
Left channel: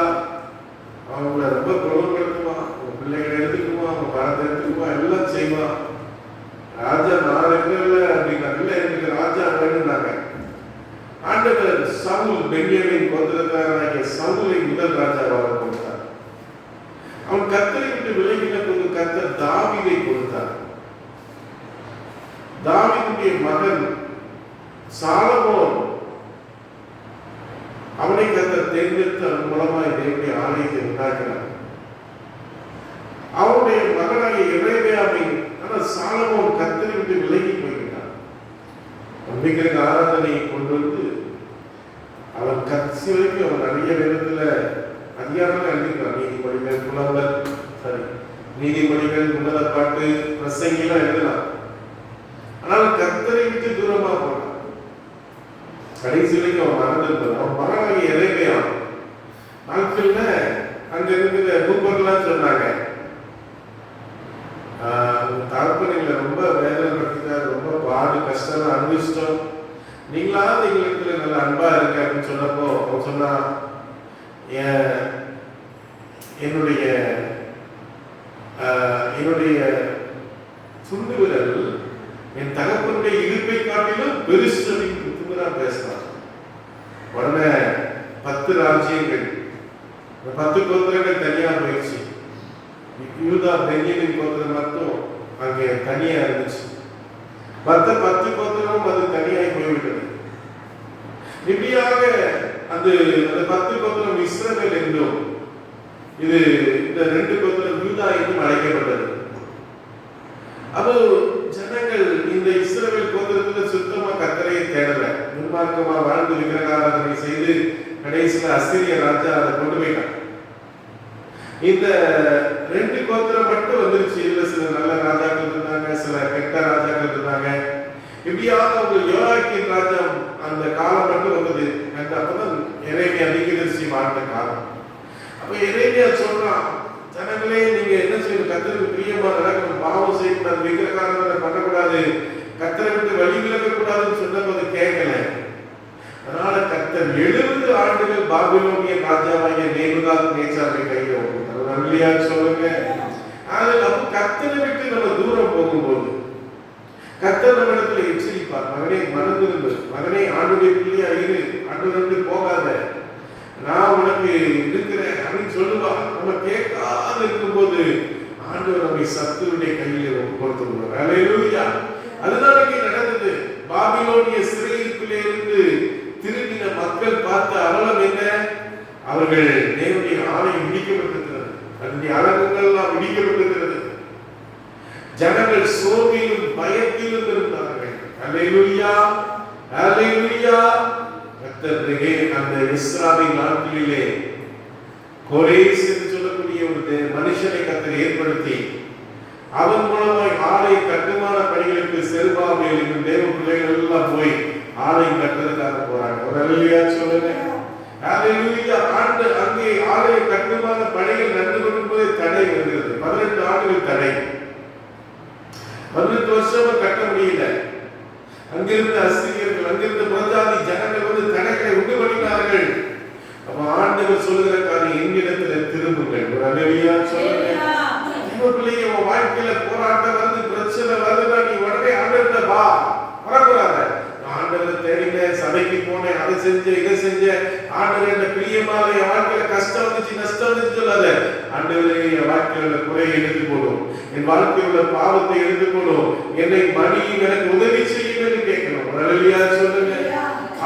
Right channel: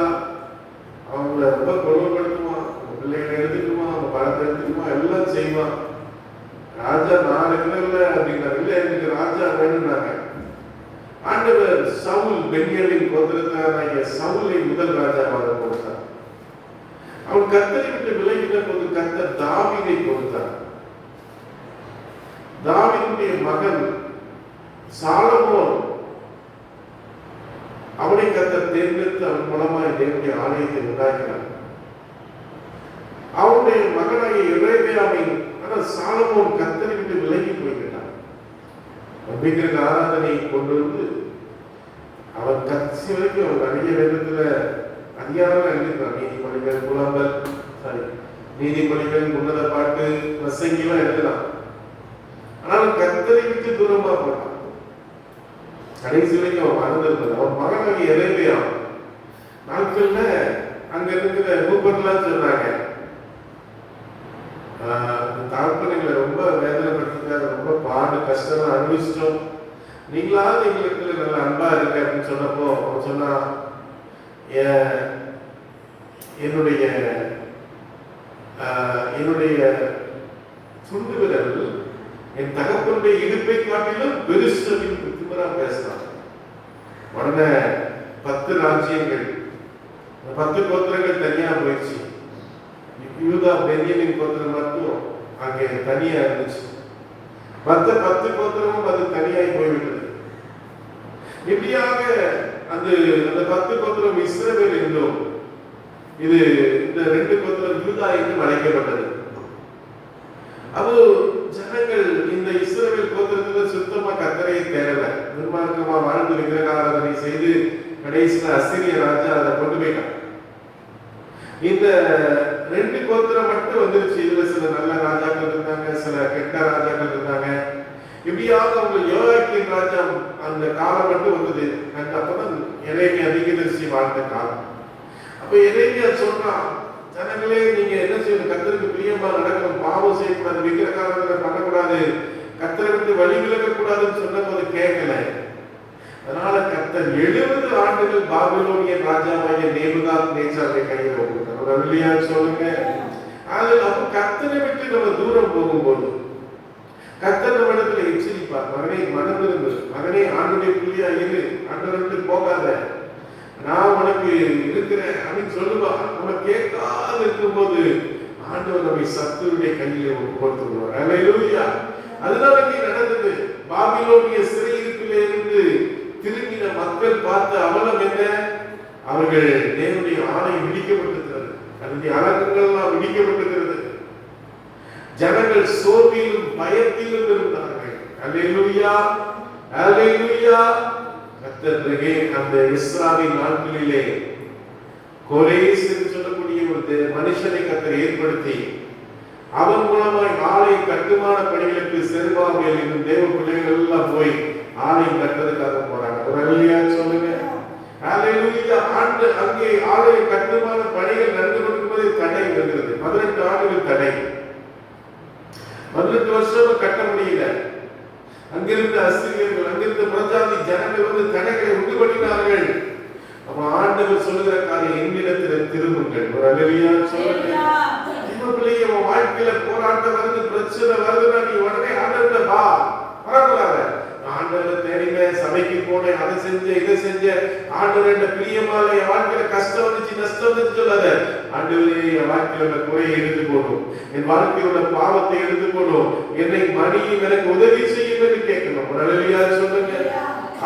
அவங்கள ரொம்ப பிரபலப்படுத்துவான், பிள்ளைகளை எடுத்துக்குவான், அவங்க பணத்தை எடுத்துக்குவான், எல்லாம் செய்வான். ராஜா நான் இல்லை அப்படின்னா, இல்லை எனக்கு ராஜா வேணும்னாங்க. ஆண்டவர் சவுல், பென்யமீன் கோத்திரத்தாராகிய சவுலை முதல் ராஜாவாக கொடுத்தார். அவன் கர்த்தரை விட்டு விலகின போது கர்த்தர் தாவீதை கொடுத்தார். தாவீதுடைய மகன் சாலமோன், அவனை கர்த்தர் தேர்ந்தெடுத்து அவன் மூலமாய் தேவனுடைய ஆலயத்தை உண்டாக்கினார். அவனுடைய மகனாகிய எரேமியாவை சாலமோன் கர்த்தரை விட்டு விலகி போய்கிறார். விக்கிரக ஆராதனையை கொண்டு வந்து அவன் கட்சி வரைக்கும் அவன் நிறைய நேரத்துல அதிகாரம் எழுதிக்கிறான். நீதிமொழிகள், புலம்பல், நீதிமொழிகள், உன்னத பாட்டு, பிரசங்கிலாம் எழுதலாம். ஆனால் கர்த்தரை விட்டு தூரமா போனான். கடைசி வரைக்கும் அவன் மறந்திருந்தான். அவன் மகனாகிய எரேமியா நாட்கள்ல அங்க இருக்கிற மூப்பர்லாம் சொன்னாங்க, தகப்பனுங்களை ரொம்ப வேதனைப்பட்டிருக்காரு, ரொம்ப பாடு கஷ்டம் அனுபவிச்சிட்டோம், நீங்களாவது எங்களுக்கு நல்ல அன்பா இருக்க அப்படின்னு சொன்னப்போ அவன் சொன்னா, என்னுடைய சுண்டு விரல் என் தகப்பனுடைய இடுப்பை காட்டிலும் பெருசுதான் பேசினான். உடனே 10 ராஜ்யங்கள், 10 கோத்திரங்கள் தனியா போயிடுச்சு. யூதா பென்யமீன் கோத்திரம் மட்டும் அங்கே தனியா இருந்துச்சு. மற்ற 10 கோத்திரமும் அது தனியாகி போய்விட்டது. இப்படியாக அந்த 10 கோத்திரம் இஸ்ரவேல் என்றும், இது இந்த 2 கோத்திரம் யூதா என்றும் அழைக்கப்பட்டது. அப்போ ஜனங்கள் இந்த இஸ்ரவேல் கோத்திரத்தில் சுத்தமா கர்த்தரை தேடல, துன்மார்க்கமா வாழ்ந்து விக்கிரக ஆராதனை செய்து கடைசியில் அசீரிய ராஜா அதை கொண்டு போயிட்டான். இந்த 2 கோத்திரம் மட்டும் வந்துருச்சு. இதுல சில நல்ல ராஜாக்கள் இருந்தாங்க, சில கெட்ட ராஜாக்கள் இருந்தாங்க. இப்படியாக அவங்க யோயாக்கீம் ராஜா அந்த காலம் மட்டும் வந்தது. அப்பதான் எரேமியா தீர்க்கதரிசி வாழ்ந்த காலம். அப்ப எரேமியா சொல்றான், ஜனங்களே நீங்க என்ன செய்யணும், கர்த்தருக்கு பிரியமா நடக்கணும், பாவம் செய்யக்கூடாது, விக்கிரகாராதனை பண்ணக்கூடாது, கர்த்தரை விட்டு வழி விலகக்கூடாதுன்னு சொன்னபோது கேட்கல. அதனால கர்த்தர் 70 ஆண்டுகள் பாபிலோனிய ராஜாவாகிய நேபுகாத்நேச்சாரை கையில கொடுத்தார். சொல்லுங்க. அதுல கர்த்தரை விட்டு நம்ம தூரம் போகும்போது கர்த்தர் நம்ம இடத்துல எச்சரிப்பார், மகனே மனதிருந்து, மகனே ஆண்டுடைய பிள்ளையா இரு, ஆண்டு போகாத, நான் உனக்கு இருக்கிறேன் அப்படின்னு சொல்லுவா. நம்ம கேட்காது இருக்கும்போது ஆண்டவர் நம்மை சத்துருடைய கையில கொடுத்துருவார். அல்லேலூயா. அதுதான் இங்கே நடந்தது. பாபிலோன் பாபிலோனிய சிறையிருப்பிலே இருந்து திரும்பின மக்கள் பார்த்த அவலம் என்ன? அவர்கள் தேவனுடைய ஆலயம் இடிக்கப்பட்டிருக்கிறது, அதனுடைய அலங்கங்கள் எல்லாம் இடிக்கப்பட்டிருக்கிறது. ஜனங்கள் சோர்விலும் பயத்திலும் இருந்தார்கள். அல்லேலூயா, அல்லேலூயா. கர்த்தரே அந்த இஸ்ராயேல் நாட்களிலே கோரேஸ் என்று சொல்லக்கூடிய ஒரு மனுஷனை கர்த்தர் ஏற்படுத்தி அவன் மூலமாய் ஆலய கட்டுமான பணிகளுக்கு செருபாபேல் என்னும் தேவ பிள்ளைகள் எல்லாம் போய் ஆலயம் கட்டுறதுக்காக போறாங்க. ஒரு அல்லேலூயா சொல்லுங்க. அல்லேலூயா. அங்கே ஆலய கட்டுமான பணிகள் நடந்து கொண்டிருப்பது தடை வருகிறது. 18 ஆண்டுகள் தடை. 18 வருஷமா கட்ட முடியல. அங்கிருந்த அஸ்திரியர்கள், அங்கிருந்த பிரஜாதி ஜனங்கள் வந்து தடைகளை உண்டு பண்ணினார்கள். அப்ப ஆண்டவர் சொல்லுகிற காரியம், என்னிடத்தில் திரும்புங்கள். ஒரு அல்லேலூயா சொல்லுங்க. இவர்களே உன் வாழ்க்கையில போராட்டம் வருது, பிரச்சனை வருதுன்னா நீ உடனே ஆண்டவர்கிட்ட வா. வரக்கூடாது. ஆண்டவர் தேடின, சபைக்கு போனேன், அதை செஞ்சேன், இதை செஞ்சேன், ஆண்டவர் என்ன பிரியமால என் வாழ்க்கையில கஷ்டம் வந்துச்சு, நஷ்டம் வந்துச்சு சொல்லாத. ஆண்டவரே என் வாழ்க்கையோட குறையை எடுத்து போடும், என் வாழ்க்கையோட பாவத்தை எடுத்து போடும், என்னை மணியும் எனக்கு உதவி செய்யும் என்று கேட்கணும். அல்லேலூயா சொல்லுங்க.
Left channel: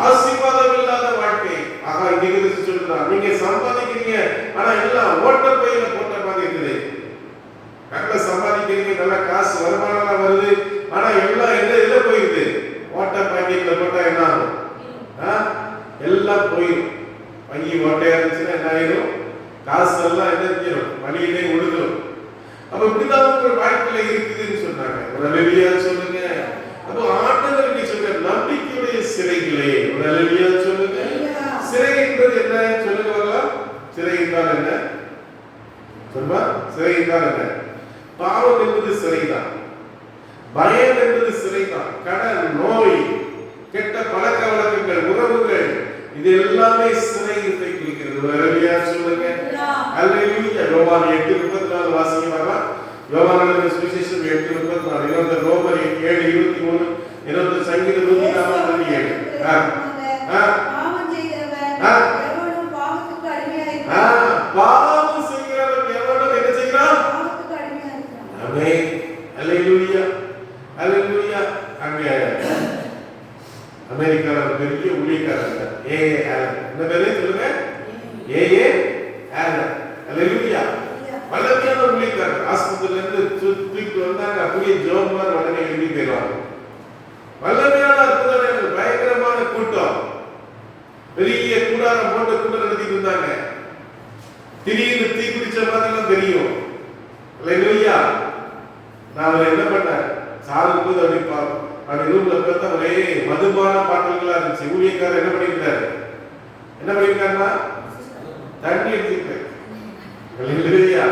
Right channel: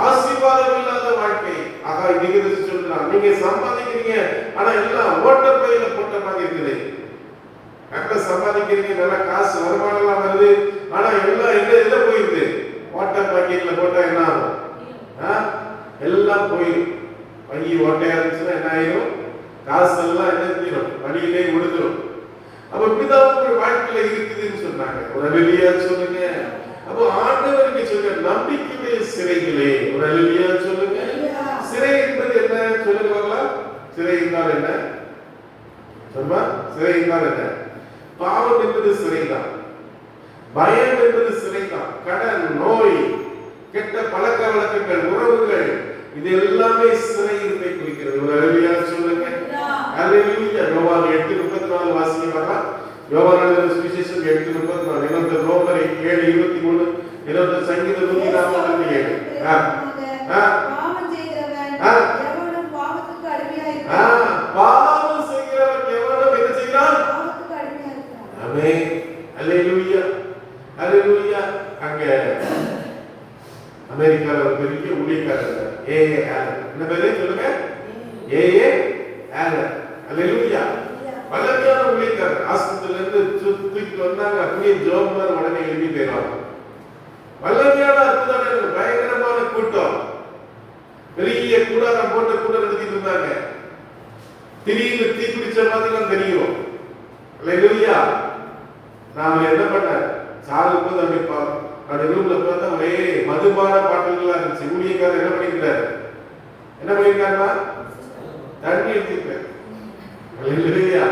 ஆசீர்வாதம் இல்லாத வாழ்க்கை. ஆகா, இன்னைக்கு சொல்றான், நீங்க சம்பாதிக்கிறீங்க, ஆனா எல்லாம் ஓட்ட பையில போட்ட மாதிரி இருக்குது. கரெக்டா சம்பாதிக்கிறீங்க, நல்ல காசு வருமானம் வருது, ஆனா எல்லாம் எதுல போயிருக்கு? ஓட்ட பாக்கெட்ல போட்டா என்ன ஆகும்? எல்லாம் போயிடும். வங்கி ஓட்டையா இருந்துச்சுன்னா என்ன ஆயிரும்? காசு எல்லாம் என்ன செஞ்சிடும்? வழியிலே ஒழுகும். அப்ப இப்படிதான் உங்க வாழ்க்கையில இருக்குதுன்னு சொன்னாங்க. ஒரு அல்லேலூயா சொல்லுங்க. அப்போ ஆண்டவர் நீ சொல்ற நம்பிக்கையுடைய சிறைகளே, ஒரு அல்லேலூயா சொல்லுங்க. சிறை என்பது என்ன சொல்லுங்களா? சிறை என்றால் என்ன சொல்லுமா? சிறை என்றால் என்ன? பாவம் என்பது சிறைதான், பயம் என்பது சிறைதான், கடன், நோய், கெட்ட பழக்க வழக்கங்கள், உறவுகள், இது எல்லாமே சிறையை குறிக்கிறது. அல்லேலூயா சொல்லுங்க. அல்லேலூயா. யோவான் 8:34 வாசிக்கிறீங்களா? யோவான் எழுதின சுவிசேஷம் 8:34, இன்னொரு ரோமர் 7:23, இன்னொரு சங்கீதம் 147. பாவம் செய்கிறவன் எவனும் பாவத்துக்கு அடிமையாயிருக்கிறான். பாவம் செய்கிறவன் எவனும் என்ன செய்கிறான்? பாவத்துக்கு அடிமையாயிருக்கிறான். ஆமென். அல்லேலூயா, அல்லேலூயா. அங்க அமெரிக்கால ஒரு பெரிய ஊழியக்காரர் ஏஏ ஆலன். என்ன பேரு சொல்லுங்க? ஏஏ ஆலன். அல்லேலூயா. வல்லமையான ஊழியக்காரர். ஆஸ்பத்திரியில இருந்து தூக்கிட்டு வந்தாங்க, அப்படியே ஜோமார் உடனே எழுதி போயிடுவாங்க. வல்லமையான அற்புதம், பயங்கரமான கூட்டம், பெரிய கூடாரம் போட்டு கூட்டம் நடத்திட்டு இருந்தாங்க. திடீர்னு தீ பிடிச்ச மாதிரி தெரியும். அல்லேலூயா. நான் என்ன பண்ணேன், சாகும் போது அப்படி ரூம்ல பார்த்தா ஒரே மதுபான பாட்டல்களா இருந்துச்சு. ஊழியக்காரர் என்ன பண்ணிருக்காரு? என்ன பண்ணிருக்காருன்னா தண்ணி எடுத்துக்கிட்டாரு. அல்லேலூயா,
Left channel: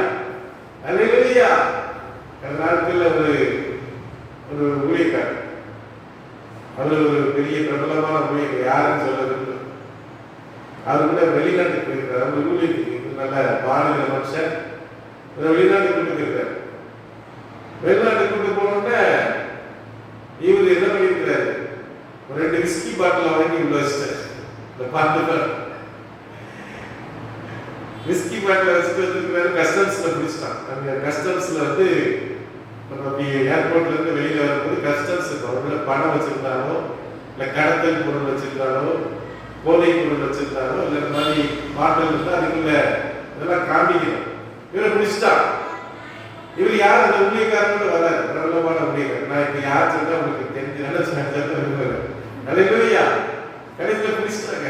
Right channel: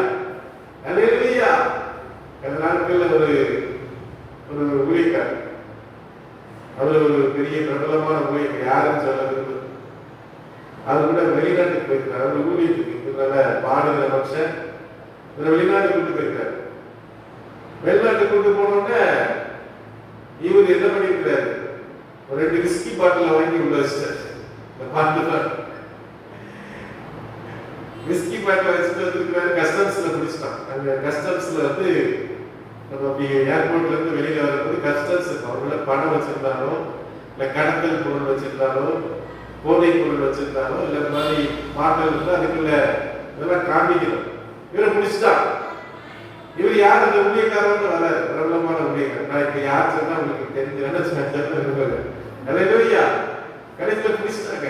அல்லேலூயா. அந்த நாட்கள்ல ஒரு ஊழியக்காரர், அவர் ஒரு பெரிய பிரபலமான ஊழியர், யாருன்னு சொல்றது, அவர் கூட வெளிநாட்டுக்கு போயிருக்காரு. அவர் ஊழியத்துக்கு நல்ல பாடுகிற மனுஷன், வெளிநாட்டுக்கு கூட்டு போயிருக்காரு. வெளிநாட்டுக்கு கூட்டு போனோடனே இவர் என்ன பண்ணிருக்கிறாரு? ஒரு 2 விஸ்கி பாட்டில் வாங்கி உள்ள வச்சிட்டாரு. இந்த பாட்டு விஸ்கி பாட்டில் வச்சுட்டு வந்துருக்கிறாரு. கஸ்டம்ஸ்ல பிடிச்சிட்டான். அங்க கஸ்டம்ஸ்ல வந்து ஏர்போர்ட்ல இருந்து வெளியில வரும்போது கஸ்டம்ஸ் அவங்கள பணம் வச்சிருந்தாரோ, இல்ல கடத்தல் பொருள் வச்சிருந்தாரோ, போதை பொருள் வச்சிருந்தாரோ, இல்ல இந்த மாதிரி பாட்டில் இருந்தா அதுக்குள்ள இதெல்லாம் காமிக்கணும். இவரை பிடிச்சிட்டான். இவர் யார்? அந்த ஊழியக்காரன் வராது, பிரபலமான ஊழியக்காரர். நான் இப்ப யார் சொன்னா உங்களுக்கு தெரிஞ்சு நினைச்சு. அல்லேலூயா. கடைசியில் பிடிச்சிட்டாங்க.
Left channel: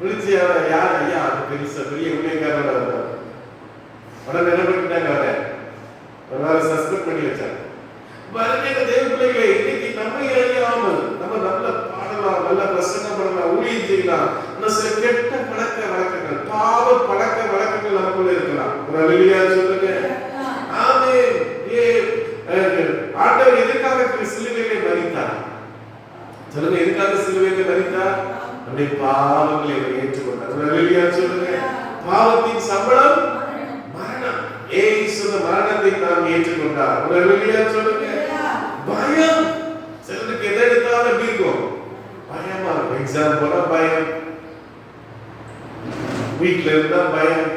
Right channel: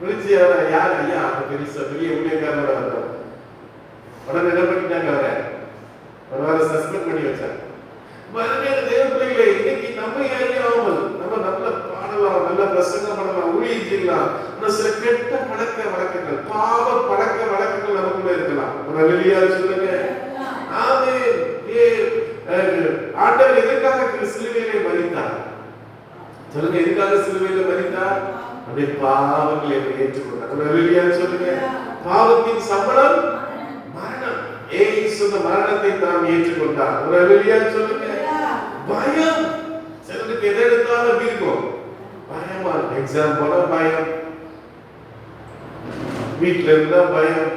பிடிச்சி யார்? ஐயா அது பெரிய ஊழியக்காரோட வந்தோம். உடனே என்ன பண்ணிட்டாங்க? அவரை ஒரு வாரம் சஸ்பெண்ட் பண்ணி வச்சாங்க. அருமையான தேவ பிள்ளைகளே, இன்னைக்கு நம்மை அறியாமல் நம்ம நல்ல பாடலாம், நல்ல பிரசங்கம் பண்ணலாம், ஊழியம் செய்யலாம். ஆனால் சில கெட்ட பழக்க வழக்கங்கள், பாவ பழக்க வழக்கங்கள் நமக்குள்ள இருக்கலாம். ஒரு அல்லேலூயா சொல்லுங்க. ஆமென். ஆண்டவர் எதற்காக சிலுவையிலே மரித்தார் சொல்லுங்க? எதற்காக சிலுவையிலே மரித்தார்? நம்முடைய பாவங்களை ஏற்றுக்கொண்டார். ஒரு அல்லேலூயா சொல்லுங்க. பாவத்தின் சம்பளம் மரணம். இயேசு மரணத்தை நாம் ஏற்றுக்கொண்டார். ஒரு அல்லேலூயா சொல்லுங்க. பயம், சிலருக்கு எதை எடுத்தாலும் எப்படி இருக்கும்? பயமா இருக்கும். எக்ஸாம் போனா பயம், வீட்டுல இருந்தா பயம்.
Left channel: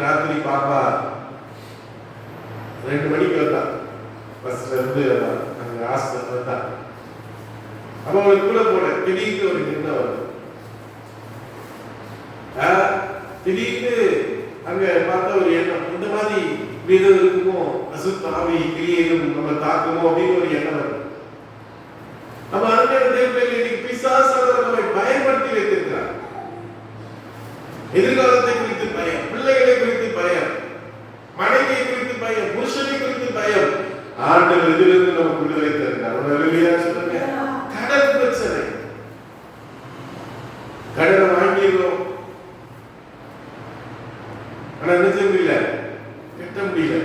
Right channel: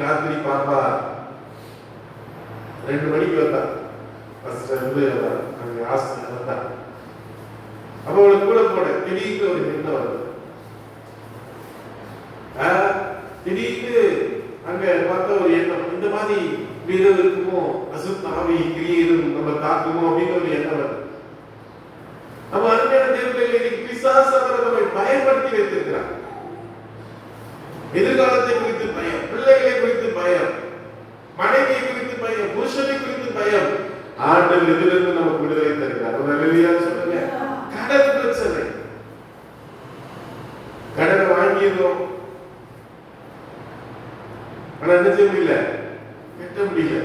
ராத்திரி பாப்பா 2 மணிக்கு வந்தா, பஸ்ல இருந்து காசு தான். அவங்களுக்கு கூட போட திடீர்னு ஒரு எண்ணம் வருது. திடீர்னு அங்க பார்த்த ஒரு எண்ணம், இந்த மாதிரி வீடு இருக்குமோ, அசுத்த ஆவி கிளியரும் நம்ம தாக்குமோ அப்படின்னு ஒரு எண்ணம் வருது. நம்ம அருமையான தேவர்களே, இன்னைக்கு பிசாசானவர் நம்மை பயன்படுத்தி வைத்திருக்கிறார். எதிர்காலத்தை குறித்து பயம், பிள்ளைகளை குறித்து பயம், மனைவியை குறித்து பயம், புருஷனை குறித்து பயம். ஆண்டவர் இதிலிருந்து நமக்கு விடுதலை தருகிறார். அல்லேலூயா சொல்லுங்க. கடன் பிரச்சனை, கடன் வாங்கிடுறோம், ஆனா என்ன செய்ய முடியல, கட்ட முடியல.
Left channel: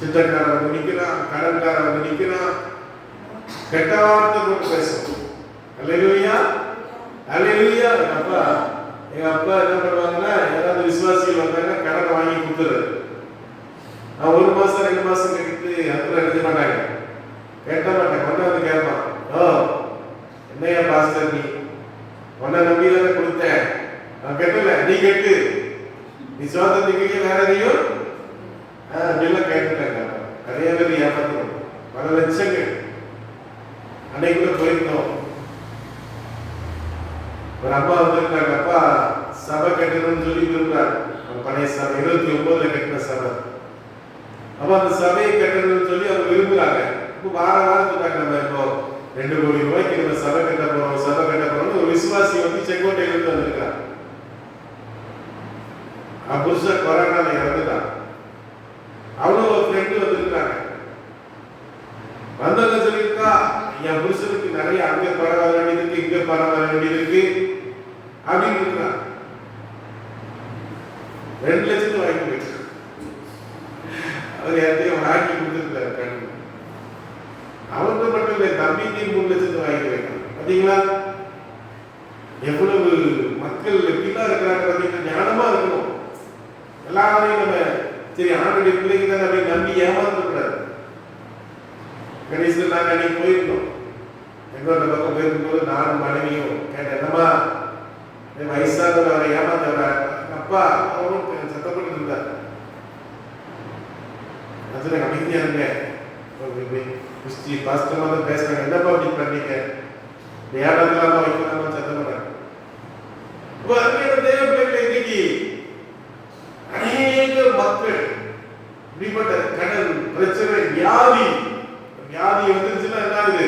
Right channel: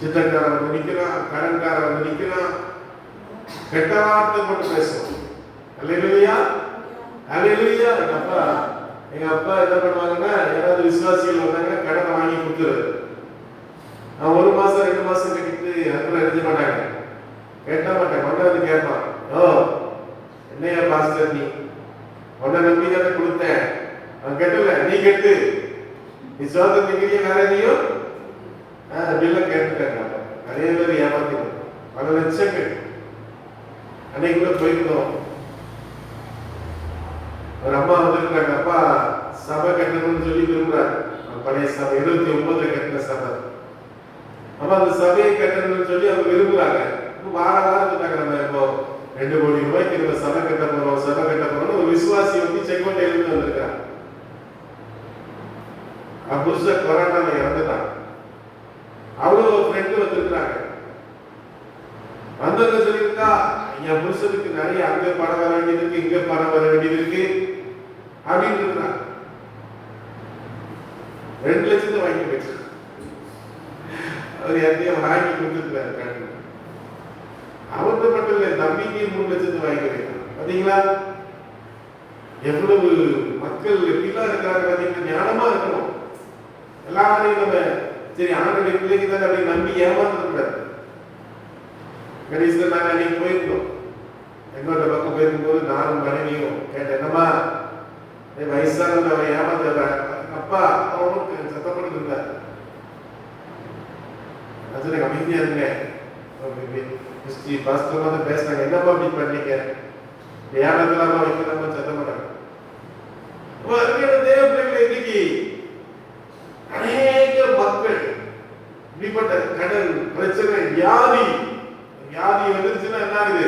சித்தக்காரன் வந்து நிக்கிறான், கடன்காரன் வந்து நிக்கிறான், கெட்ட வார்த்தை போட்டு பேசும். அல்லேலூயா அல்லேலூயா. எங்க அப்பா என்ன பண்ணுவாங்கன்னா, ஏதாவது விசுவாசிகள் வந்தாங்க கடனை வாங்கி கொடுத்துறது. அவன் 1 மாசம் 2 மாசம் கட்டிட்டு அப்புறம் எழுதி மாட்டாங்க, கேட்ட மாட்டேன். ஒன்ன வந்து கேட்பான், ஓ என்னையா பாஸ்டர், நீ உன்னை நம்பி தானே கொடுத்தேன், அவன் கெட்டல, நீ கெட்டு, நீ சோதனைக்கு வேற எதையும் அப்படிலாம் கேட்டுட்டாங்க. நிறைய பேர் ஏமாத்தணும், பல லட்சங்கள். அன்னைக்கு கூட போயிருந்தோம், ஒரு அம்மா வந்துருக்காங்க, அப்பா சபை கட்டணும்னு சொல்லி விரும்புறாரு. பழைய சபை 29 கட்டின சபை. அப்ப அந்த சபையை கட்டணும்னு சொல்லி அவங்க விரும்புறாங்க. வாரம் சொன்னாங்க, நம்ம இப்போ 2 கோடி ரூபாய்க்கு நம்ம சபை கட்ட போறோம், சபை கட்ட போறோம்னு ஒரு விசுவாசி வந்து செங்கோட்டையில இருந்து வந்திருக்காங்க. புருஷ கொரோனால இறந்துட்டான். அவனும் ஒரு ஃப்ரெண்டு வந்திருக்காங்க. வந்தவங்க சொல்லியிருக்கா, என் புருஷனுக்கு நிறைய அங்க பணம் வர வேண்டியது இருக்கு, இங்க பணம் வர வேண்டியது இருக்கு அப்படின்னு இருக்கிறான். 2 லட்சத்தை வாங்கி போயிட்டு அவர் யார்த்தையும் வாங்கி கொடுத்துருக்காரு கடன். அவன்கிட்ட மட்டும் இல்லை, தம்பிக்கு 3 லட்சத்தை வாங்கி வைக்கணும். பாத்தீங்களா எவ்வளவு மக்கள் எப்படிலாம் இருக்கிறாங்க, பாத்தீங்கன்னா ஞானமா இருக்கணும். எல்லாரையும் நம்ம சரி ஆண்டுடைய பிள்ளைக்கு தான் அப்படி நம்பி ஏமாந்துக்கூடாது. கடைசியில் நாங்கள் அன்னைக்கு போயிருந்தோம், எங்களோட பக்கம் போயிருக்கும்போது நானும் மனைவியும் கேட்டேன், என்னம்மா வயசானவர் அவரை ஏமாத்த அப்பா அவரும் சத்தப்பட்டு இருந்தார். அதுல அமைதியா இருங்க, கிறிஸ்டி பாஸ்டமா தான் பேசுறாங்க, என்னப்பா அப்படி பண்ணீங்க, ஏமாத்தலாமா வைக்கலாமா சத்தம் பண்ணாங்க. தேவ பிள்ளைகளை இன்னைக்கு அநேக மக்கள் இப்படிப்பட்ட கடன் பிரச்சனை, வியாதி வந்துருச்சுன்னா என்ன ஆகுது,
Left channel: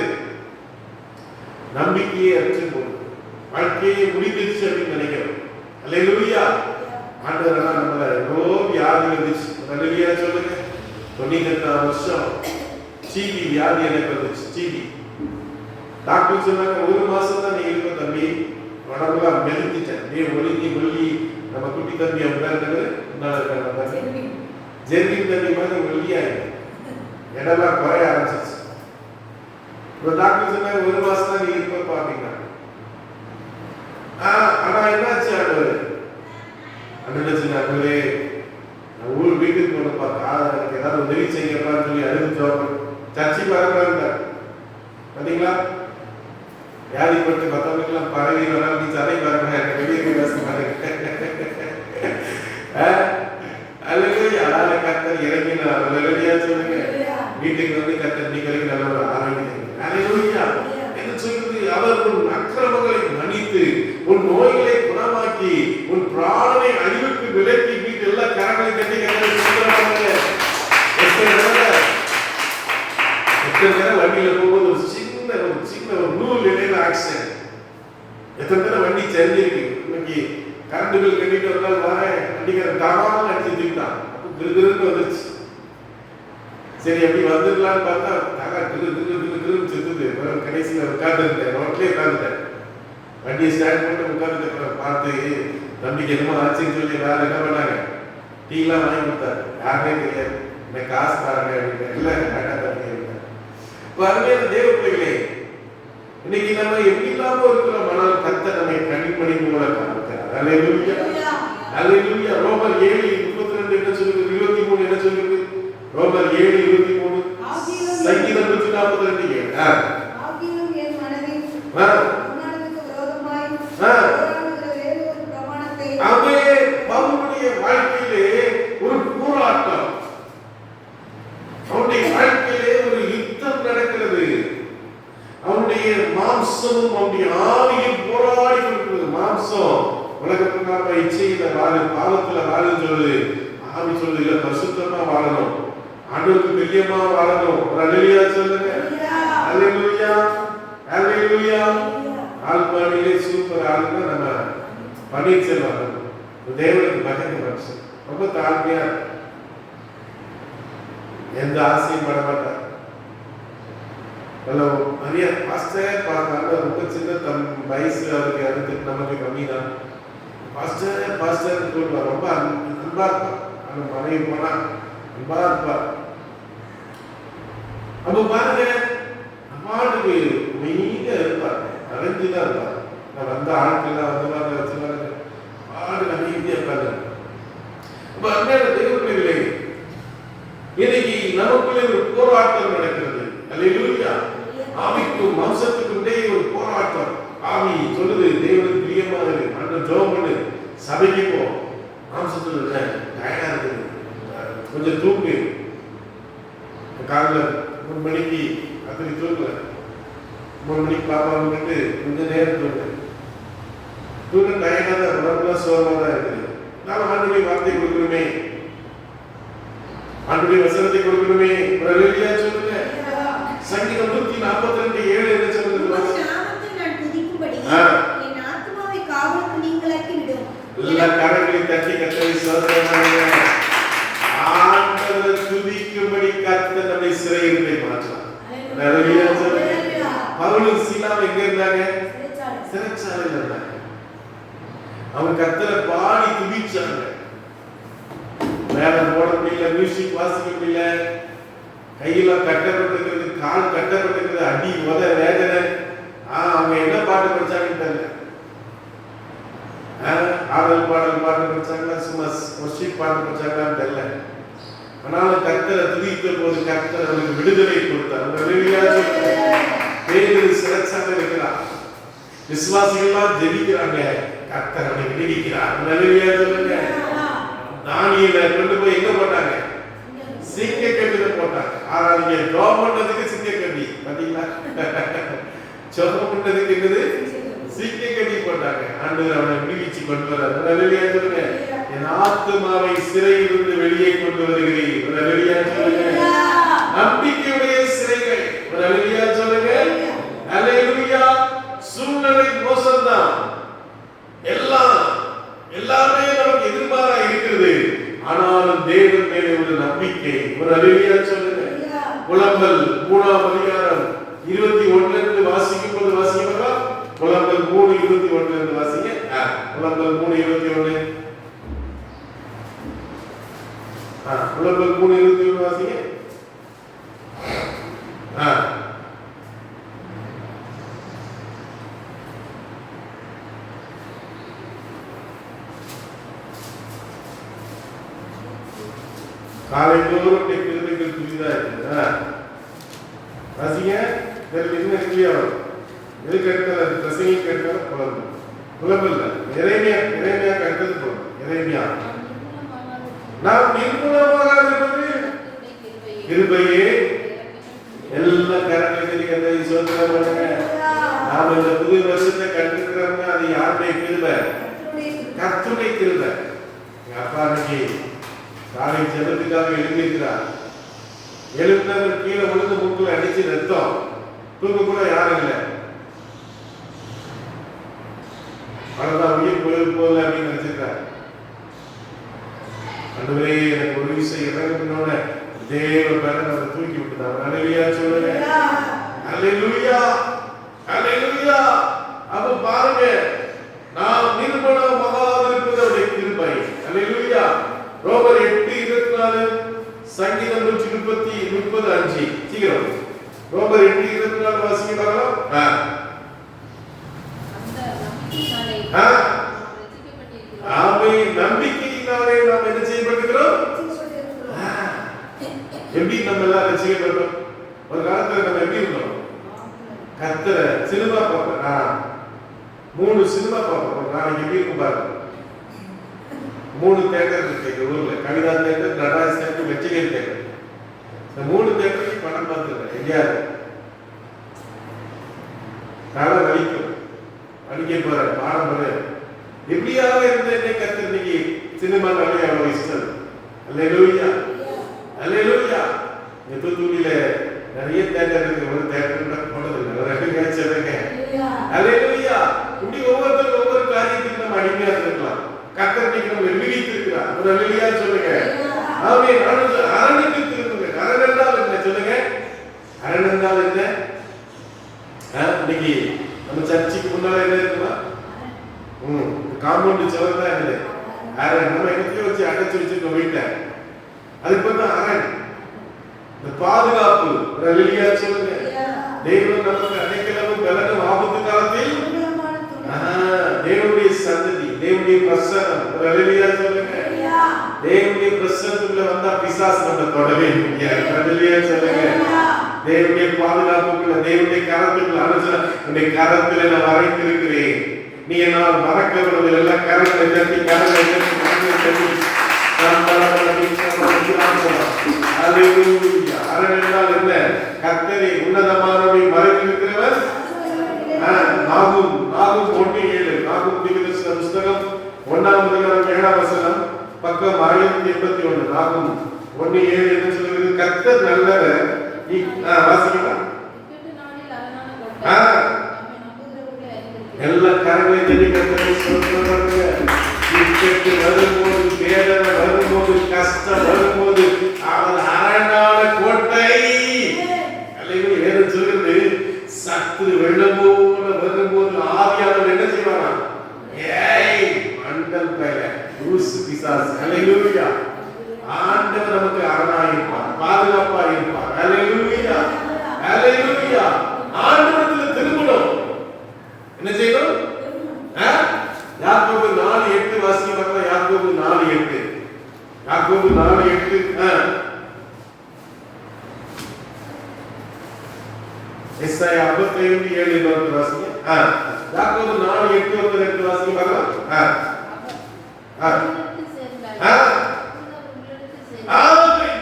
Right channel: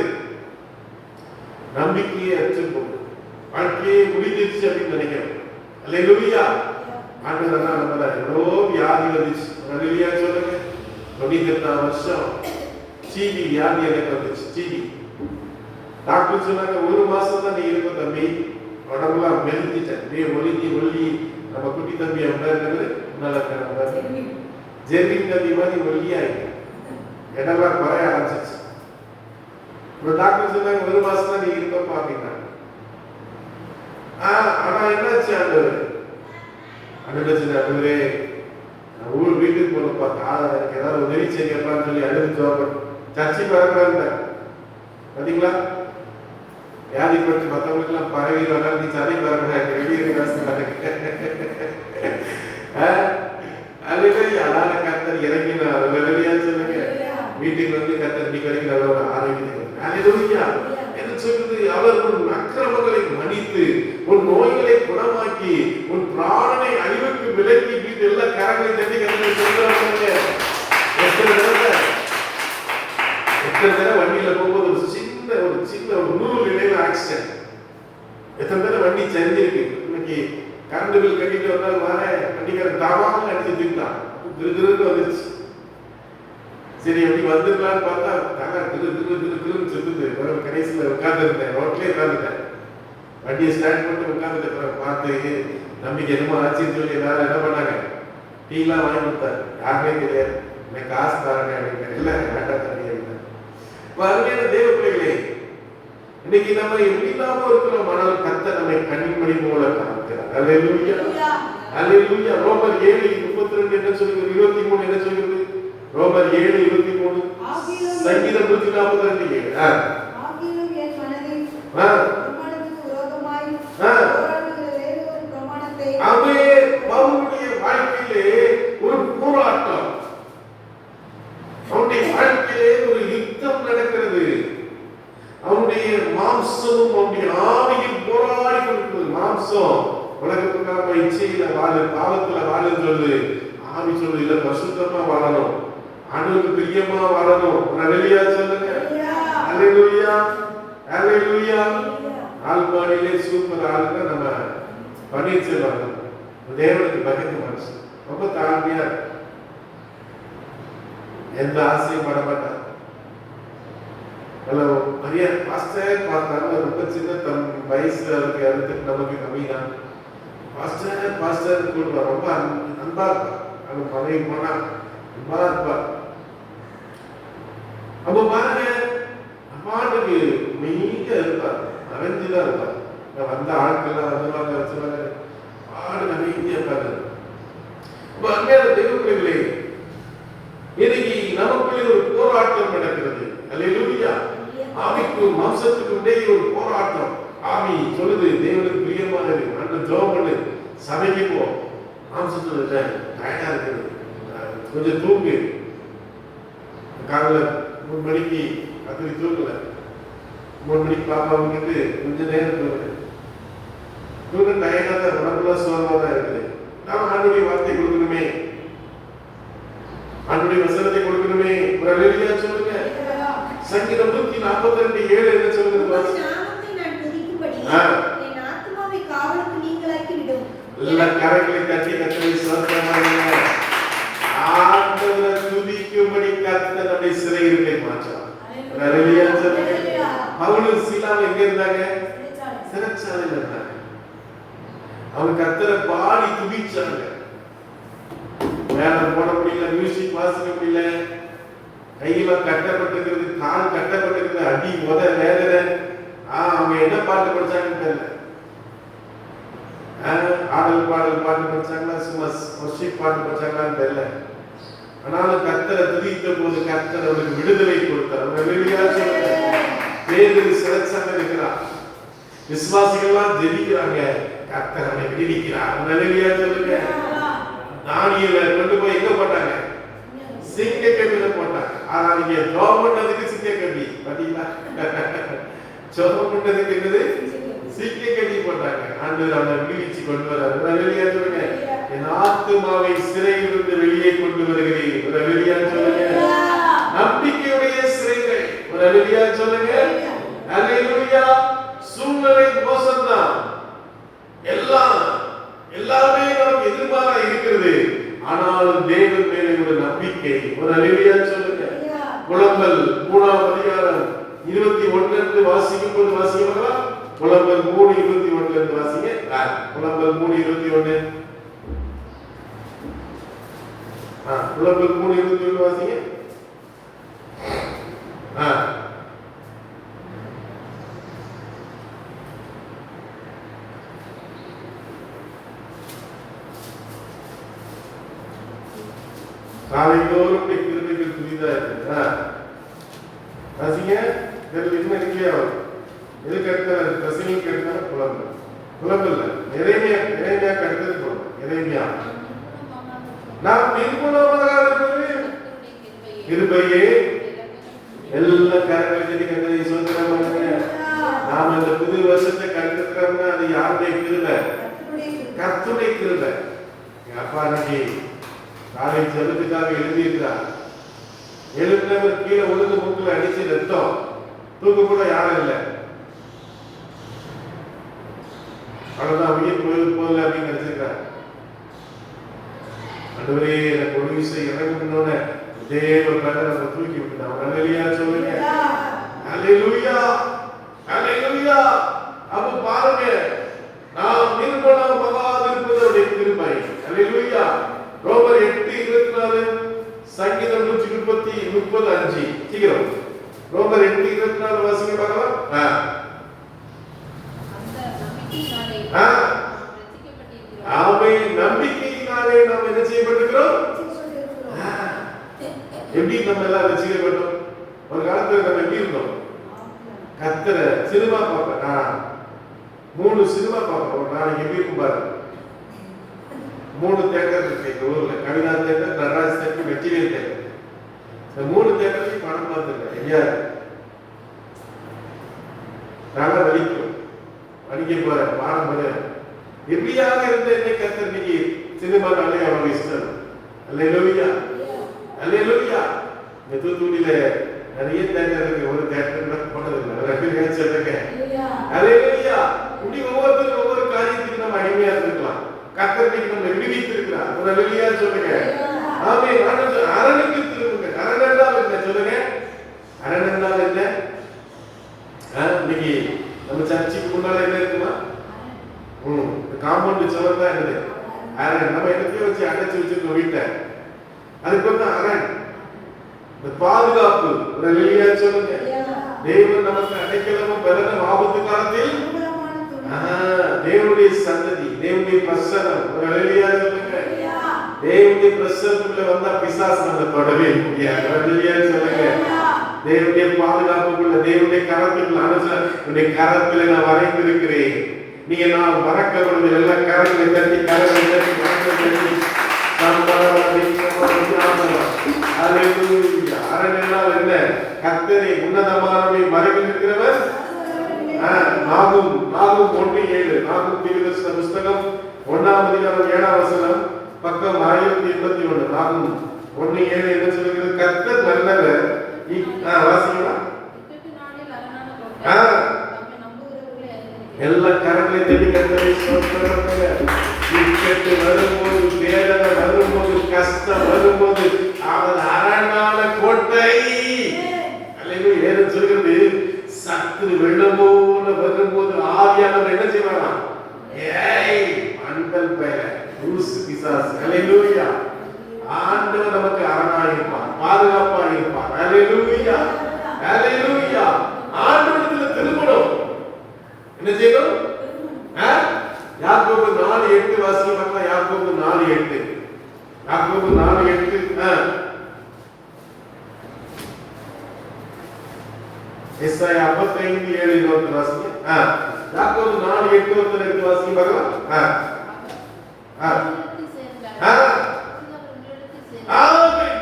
நம்பிக்கையே அடிச்சு போகும், வாழ்க்கையே முடிஞ்சிருச்சு அப்படின்னு நினைக்கிறோம். அல்லேலூயா. ஆண்டவர் நம்மள எவ்வளோ வியாதி வந்துச்சு. அல்லேலூயா சொல்லுங்க. 98ஆம் வருஷம் டிவி வியாதி எனக்கு வந்துச்சு. டிவி டாக்டர் சொன்னாங்க, 1 மாசம் தான் நீ இருக்க தம்பி, உடம்புலாம் மெலிஞ்சிட்டேன், நீ ஒல்லி நம்ம குட்டி தம்பி அப்படிங்கிறது ஜெர்மின் தம்பி மாதிரி ஒல்லியாயிட்டு இடம்லாம் குறைய ஆரம்பிச்சிச்சு. இப்போ டாக்டர் சொன்னாங்க 1 மாசம் தான் நீ இருக்க பாப்பீங்க. ஆனா என்னாச்சு, அண்ணே ஊர் வீட்டுக்கு போன பார்த்தா எனக்கு ஏதாவது உதவி செய்யப்பான்னு சொல்லி அழுது சர்ச்சைக்கு வரக்கூடாது. பார்த்தீங்களா, வியாதிப்பட்டு மற்றவங்களுக்கெல்லாம் பரவி வராது, நீ தலைக்கு வரணும், எனக்கு வெளியே கத்தர் இறங்கினார். சொல்லுங்க, வீட்டுக்கு வந்து கத்தர் நீ வரைக்கும் ஆரோக்கியம் என்ன சொல்லுது, அவர் உன் அக்கிரமங்களை மன்னித்து உன் நோய்களை குணமாக்கி உன் பிராணனை அழிவுக்கு விலக்கி வீட்டு எல்லா கரங்களை தட்டி வண்டியில போகும்போது ஒரு சின்ன ஒரு நூல் இடையில ஆக்சிடென்ட். எத்தனை பேர் வண்டி சரிஞ்சிருக்கு. இன்னைக்கு கரண்ட் பில் கட்டிட்டு வந்தால் வரேன், வண்டிக்காரன் தாவாமல் அடிச்சுட்டான், திருன்னு வந்துருச்சு. சரி எப்படி வந்துடலான்னு பார்த்தா திருன்னு சுத்துது. கடைசியில் உட்கார்ந்துருந்தேன், ரோட்லேயே உட்காந்துட்டேன், வண்டியை ஸ்டாண்ட் பண்ணி உட்காந்துட்டு பார்த்து நம்பிக்கை என்னமோ ஆச்சுன்னு சொல்லி எல்லாரும் என்ன பண்ணாங்க, டீலாம் வாங்கி கொடுத்தாரு. யாருமே கிடையாது, எனக்கு காசு தராங்க அப்படின்னு. இல்லை கரெக்டாக தரீங்க. அருமையான தேவ பிள்ளைகளே, இன்னைக்கு நம்ம எப்படிலாமோ இருக்கிறோம், ஆனால் கர்த்தர் நம்மை கண்மணி போல காண்கிறார். அல்லேலூயா அல்லேலூயா. ரோமர் 7:32 என்ன சொல்லுது, 23 என்ன சொல்லுது, ரோமர் 7:23, சங்கீதம் 142 ஆகிலும் என் மனதில் பிரமாணத்துக்கு விரோதமாய் போராடுகிற வேறொரு பிரமாணத்தை, அவே பவுலுடைய வாழ்க்கையிலே ஒரு போராட்டம், அவனுடைய வாழ்க்கையிலே ஒரு யுத்தம் நடக்கிறது. மாம்சம் உலகத்துக்காக இச்சையில வாழு, பாவத்துல வாழுன்னு சொல்லுது. ஆவி சொல்லுது இல்ல, பரிசுத்தமா வாழணும், ஆண்டவருக்கு பிரியமா வாழணும். ஒரு அல்லேலூயா சொல்லுங்க. அல்லேலூயா, அல்லேலூயா. ஆழ்வானிலே சூப்பர் ஆளுங்க நம்ம பன்னீர்செல்வம். தேவனுக்கு பயந்து மனுஷன், ரொம்ப தாழ்மையா, எந்த ஆசையும் பட மாட்டார். நிறைய பாஸ்டர் பார்த்தாங்க, ரொம்ப சின்ன வயசு, அவருக்கு இறந்துட்டு நமக்கு கம்மி தான். பாஸ்டர் பாஸ்டர் சொல்லுவார், ரொம்ப அன்பா இருப்பார். அவங்க மனைவி போனா அன்பா இருப்பார். அப்ப பாருங்க, அம்மாவுக்கு நீங்க இருப்பார், மறைஞ்சுதான் இருப்பார். வந்த ஆட்கள்லாம் வந்தவாங்க வச்சவாங்க ஆடு நீங்க இருப்பாங்க. அப்ப அருமையான தெய்வ பிள்ளைகளே, இன்னைக்கு நமக்குள்ளே ஒரு போராட்டம் நடக்கிறது. அல்லேலூயா. ஆவிக்கும் மாம்சத்துக்கும் இடையே ஒரு போராட்டம். ஆவி சொல்லுது தேவனுக்கு பிரியமாக இருக்கு, ஆண்டவர் ஜெபம் பண்ணு, சபைக்கு போ. மாம்சத்துல டயர்டா இருக்குது, கொஞ்சம் தூங்கு. காலைல 3 மணிக்கு ராத்திரி தூங்கல, 3 மணிக்கு பாப்பா வந்துட்டு கொஞ்ச நேரம் தூங்கு. தூங்க டயர்டா தான், உடம்புலாம் சோகமா தான் இருக்குது. நாம ஆண்டுடைய வார்த்தை கொடுக்கணுமே, ஆண்டுடைய வசனத்தை கொடுக்கணுமே. ஒரு அல்லேலூயா சொல்லுங்க. சங்கீதம் 142:7 என்ன சொல்லுது? நாமத்தை நான் துதிக்கும்படி என் ஆத்துமாவை காவலுக்கு நீங்களாக்கி விடும். எல்லா கரங்களை தட்டி கர்த்தரை ஸ்தோத்திரமாடுங்க. ஆண்டவரை துதிக்கும்படி கர்த்தர் நம்மை சிறையிருப்பை மாற்றார். அல்லேலூயா சொல்லுங்க. பவுலும் சீலாவும் எங்க இருந்தாங்க? சிறைச்சாலையில் இருந்தாங்க. அவங்க கர்த்தரை பாடி துதிச்சாங்க. வேலை போட முடியல, மியூசிக் வாசிக்க முடியல, கையில கட்டப்பட்டிருக்கிறது, கால் கட்டப்பட்டிருக்கிறது, அடி உத வேதனை. அவங்க என்ன பாட்டு படிச்சாங்கன்னு தெரியல. ஆடல் பாடல் பாட்டு படிச்சாங்களா, சும்மா ஒர்ஷிப் பாட்டு படிச்சாங்களான்னு தெரியல. ஆனாலும் கர்த்தரை துதித்த போது கர்த்தர் அவருக்கு விடுதலை கொடுத்தார். வேறு சிறைச்சாலை இருக்கிறார், விசுவாசிகள்லாம் ஜெபிக்கிறாங்க, கர்த்தர் அவனை விடுவிக்கிறார். தானியேலை கொண்டு போய் எங்க போட்டாங்க? சிங்க கட்டில போட்டாங்க. ஆனா நீங்க ஜெபம் பண்ணதுக்கு சிங்க கட்டி பாத்தீங்களா? ஜெபம் பண்ணதுக்கு என்னது? சிங்க கட்டி போட்டாங்க. ஆண்டவர் அவனை விடுவிச்சு கொண்டு வரார். அல்லேலூயா சொல்லுங்க. என் ஆத்துமாவை சிறையிலிருந்து வெளியே கொண்டு வருகிறீர். ஒரு அல்லேலூயா சொல்லுங்க. நம்பிக்கையுடைய சிறைகள். ஒரு அல்லேலூயா சொல்லுங்க. அல்லேலூயா. சூழ்நிலை மோசம்தான், எல்லாமே நமக்கு எதிர்மாறா இருக்கிறது. ஆனாலும் தேவன் மேலே உள்ள நம்பிக்கை. ஒரு அல்லேலூயா சொல்லுங்க. புலம்பல் 3ஆம் அதிகாரம் 21 இருந்து வாசிக்கும் போது வாசிக்கவா? புலம்பல் 3:21 இருந்து வாசிங்க. புலம்பல் 3:21. புலம்பல் 3:21 வாசிங்க. காலைதோறும் கிருபைகள் புதிதா இருக்குதா? வாசிங்க. என்ன இல்லையா? எதுக்கு எடுத்தாலும் பிரசங்கிக்கு எடுத்தாலும் புலம்பல். புலம்பல் எரேமியா கருத்தது புலம்பல். எரேமியா நாம் நிர்மூலமாக இருப்பது கிருபையே. எல்லா கரங்களை சொல்லுங்க. நாம இந்த புது வருஷத்தை கற்றுக்கிறோம்னா அது யாருடைய கிருபை? கர்த்தருடைய கிருபை. எங்க அப்பா அன்னைக்கு காலை ஜெபத்துக்காக எழுந்திருக்கிறார். எழுப்பினவர் கீழே விழுந்து மூக்குல அடிச்சு ரத்தம், தூக்க கூட யாரும் இல்லை. அவ்வளவுதான், உயிர் போல அப்படின்னு நினைச்சிருக்கார். ஆண்டவரே எனக்கு ஒரு விஷயம் இறங்குனோட தேவ பலன் அதை தூக்கி விட்டுதான். அல்லேலூயா சொல்லுங்க. அல்லேலூயா, அல்லேலூயா. அப்ப பாருங்க, நாம் நிர்மலமாக இருப்பதோட கிருபை. அல்லேலூயா. ரோமர் 8:24, சங்கீதம் 135. சீக்கிரம் ரோமர் 8:24 வாசிங்க பார்க்கலாம். நம்பிக்கையினாலே நாம் என்ன செய்யப்பட்டிருக்கிறோம்? எப்படி நம்ம எல்லாம் ரசிக்கப்பட்டோம்? ஒரு காலத்துல நம்ம எப்படி இருந்தோம்? கர்த்தரை சினிமா பார்ப்பேன், 3 சினிமா பார்ப்போம் ஒரு நாளைக்கு. எப்படி இருக்கும் பாருங்க. 3 தியேட்டர் இருக்கு எங்க ஊர்ல. கவிதா தியேட்டர், நடராஜ் தியேட்டர், மெச்சிகர் தியேட்டர். இந்த 3 தியேட்டருக்கு படம் பார்த்துருக்கேன். எங்கேயாவது நல்லா வலிக்கும், வலிக்க போறேன் பாடம் போறேன். எப்படியாக இருந்த என்னை கர்த்தர் இன்னைக்கு சினிமா நாளே அவருக்கு இஷ்டம். அல்லேலூயா, அல்லேலூயா. இந்த தூத்துக்குடியில நிறைய தேட்டர் இருக்கு. ஒரு தேட்டர் போனதில்லை, ஒரு அபிகாட்சி சொல்லுங்க. அல்லேலூயா. இப்படி ஒவ்வொருத்தரும் ஒவ்வொரு காரியத்துக்கு நம்ம அடிமையா இருக்கலாம். கர்த்தர் இன்னைக்கு நம்ம விடுவித்து இருக்கிறார். ஒரு அல்லேலூயா சொல்லுங்க. ஆமென். அரணுக்கு திரும்புங்க. அரண் என்றால் என்ன சொல்லுங்க? அரண் என்றால் என்ன? இன்னைக்கு நம்ம சர்ச்சுக்கு முன்னால என்ன இருக்குமா? காம்பவுண்ட் சுவர் தான் இருக்குது. அரண் நம்ம இடத்துல வச்சு அடைச்சு வச்சிருக்கோம் வீட்டை. அது இப்ப தான் அரண். இந்த பாதுகாப்பு அல்லேலூயா சொல்லுங்க. தேவன் நமக்கு அடைக்கலமும் பலனும் ஆபத்து காலத்தில் தேவனுடைய சந்ததி, தேவனுடைய பிரசன்னம் அல்லேலூயா சொல்லுங்க. தேவனுடைய பிரசன்னத்துக்குள்ள வந்தா பிசாசு நம்ம தொடவே முடியாது. அல்லேலூயா சொல்லுங்க. தேவனுடைய பாதுகாப்புக்குள்ள, தேவனுடைய கரத்துக்குள்ள உன்னுடைய கரத்துல நான் வரைந்திருக்கிறேன். நீ என்னால் மறக்கப்படுவது எல்லாம் கரத்தை தட்டி கரத்தை தட்டி மறக்க தட்டி அரணெல்லாம் என்ன? கர்த்தரை உன்னதமானவரை மறைந்திருக்கிறவர். நாகும் 1:7 நாகும் தீர்க்கதரிசன புஸ்தகம் 1:7 பக்கம் 1081. நாகும் 1:7 என்ன சொல்லுகிறது? கர்த்தர் நல்லவர். வாசிக்கலாம். எல்லா கரங்களை தட்டி கர்த்தரை ஸ்தோத்திரிங்க. இக்கட்டு வரும்போது, வேதனை வரும்போது, கஷ்டம் வரும்போது அவன் அரணான கோட்டை. அல்லேலூயா. வேதம் சொல்கிறது, சத்து வெள்ளம் போல வரும்போது ஆவியானவர் என்ன செய்வாரா? ஏய் மண்டல் பேர லூசு பிசாசு. அல்லேலூயா. ஆண்டவர் நமக்கு அரணாக இருப்பார், பாதுகாப்பா இருப்பார். அல்லேலூயா, அல்லேலூயா. ஆண்டவரத்துல திரும்பணும். என்ன செய்யணும்? யாக்கோபு 4:8 வாசிங்க. யாக்கோபு 4:8 யாக்கோபு 4:8 எஸ்ஐயா 55:7 வாசிங்க. யாக்கோபு 4:8 வாசிங்க.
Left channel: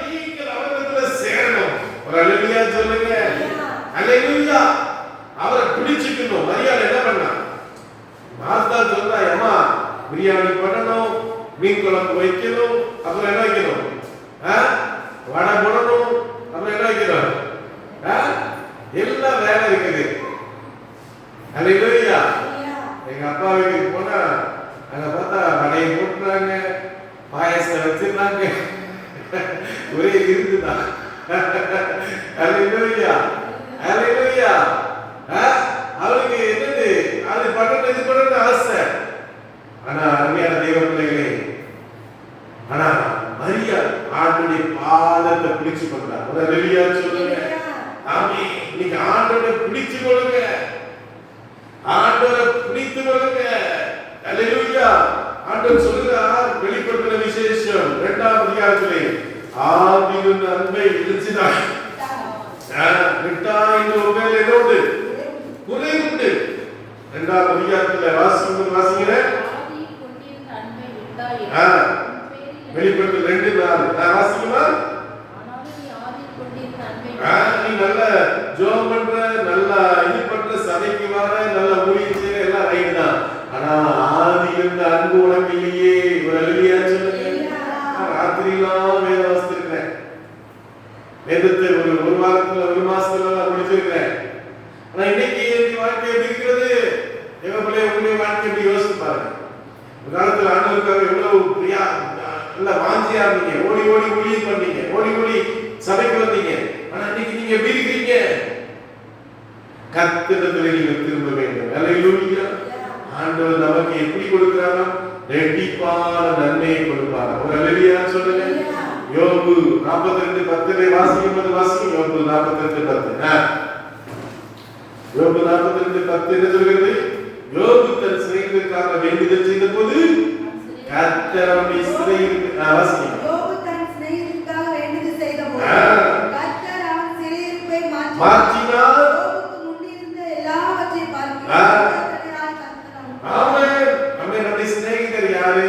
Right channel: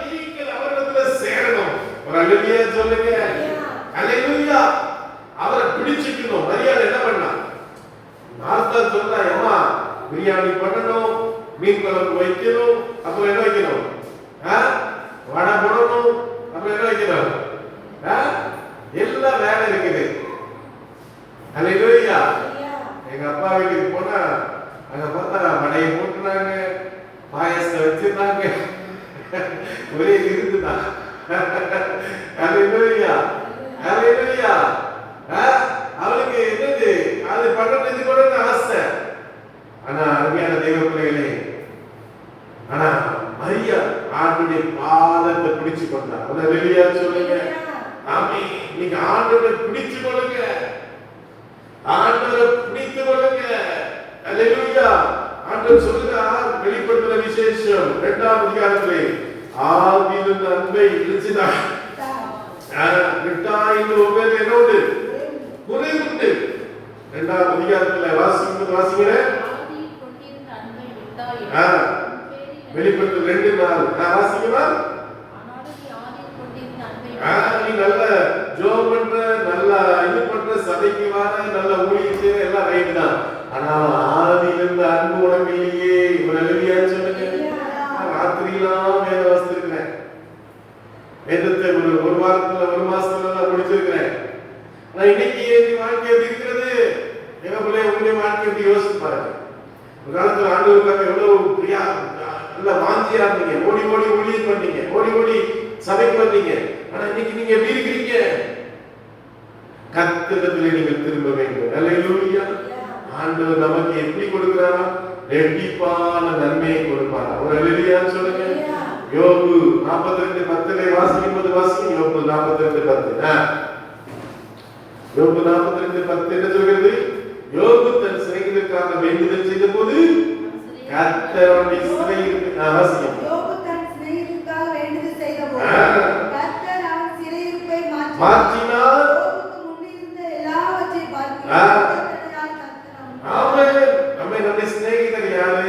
நீங்கள் அவரிடத்துல சேரணும். ஒரு அல்லேலூயா சொல்லுங்க. அல்லேலூயா. அவரை பிடிச்சுக்கணும். மரியாதை என்ன பண்ணா? மார்த்தா சொல்றா, அம்மா பிரியாணி பண்ணணும், மீன் குழம்பு வைக்கணும், அப்புறம் என்ன வைக்கணும்? வடை போடணும், அப்புறம் என்ன வைக்கணும்? எல்லாம் வேலை இருக்குது. அல்லேலூயா. எங்க அப்பா வீட்டுக்கு போனா அங்க பார்த்தா வடையை போட்டுறாங்க, பாயசத்தை வச்சிருந்தாங்க, ஒரே இருக்குதான். அல்லேலூயா, அல்லேலூயா. அவருக்கு என்னது அது பண்றது இது பண்றது ஆசை. ஆனா அருமையான தேவ பிள்ளைகளே, ஆனா மரியா ஆண்டுடைய பாதத்தை பிடிச்சு கொண்டா. அல்லேலூயா சொல்லுங்க. ஆமென். நீங்க ஆண்டவரை பிடிச்சு கொள்ளுங்க, ஆண்டவரை பிடித்து கொள்ளுங்க. அல்லேலூயா. ஆண்டவர் சொல்லுகிறார், வெளிப்படுத்தின விசேஷம் 2ஆம் அதிகாரத்திலே, ஆவியின் அன்பை இழுச்சினாய் விட்டாய் என்று உங்கள் என்னோடு குறைவுண்டு. 2ஆம் அதிகாரத்துல வாசிக்கிறேன். வெளிப்படுத்தல் 2:4 வாசிக்கலாம். நீ நல்ல ஜோம் பண்ற, நல்ல இது பண்ற, சபைக்கு வர, நல்ல ஊழியம் செய்யற, எல்லாம் ரைட் தான். ஆனா ஆதியில் இருந்த அன்பு உனக்கு இல்லையே. ஒரு அல்லேலூயா சொல்லுங்க. ராத்திரிலாம் வேத வாசிச்சிருக்கிறேன். வேதத்தை ஒரு வாரத்துல ஒரு மாசத்துல முடிச்சிருக்கிறேன். ஆனா இன்னைக்கு வாழ்க்கை எப்படி இருக்கிறது? உங்களுடைய வாழ்க்கை எப்படி யோசிச்சு பாருங்க. ஒரு காலத்துல ஆண்டவருக்காக எவ்வளவு பிரியா நல்ல வாஞ்சியா இருந்தீங்க, ஓடி ஓடி ஊழியம் பண்ணீங்க, ஓடி ஓடி சபைக்கு வந்தீங்க. ஆனா இன்னைக்கு நீங்க எப்படி இருக்கிறீங்க? கர்த்தரிடத்திலே நீங்க திரும்ப வேண்டும். அல்லேலூயா. ஆண்டவர் நமக்கு எப்படி கொடுக்கிறாரா? ரெட்டிப்பான நன்மையை கொடுப்பாரா? ஒரு அல்லேலூயா சொல்லுங்க. யோபு 42:10 வாசிக்கும்போது வாசிங்க. யோபு 42:10 யோபு 42:10 என்ன சொல்கிறது? யோபு தன் சிநேகிதருக்காக வேண்டுதல் செய்த போது கர்த்தர் அவனை வாசிங்க. யோபு தன் சிநேகிதருக்காக வேண்டுதல் செய்த போது கர்த்தர் அவன் சிறையிருப்பை மாற்றினார். யோபுக்கு முன்னிருந்த எல்லாவற்றையும் பார்க்கிறார். ஆமென். நம்முடைய சிநேகிதர் யாரு?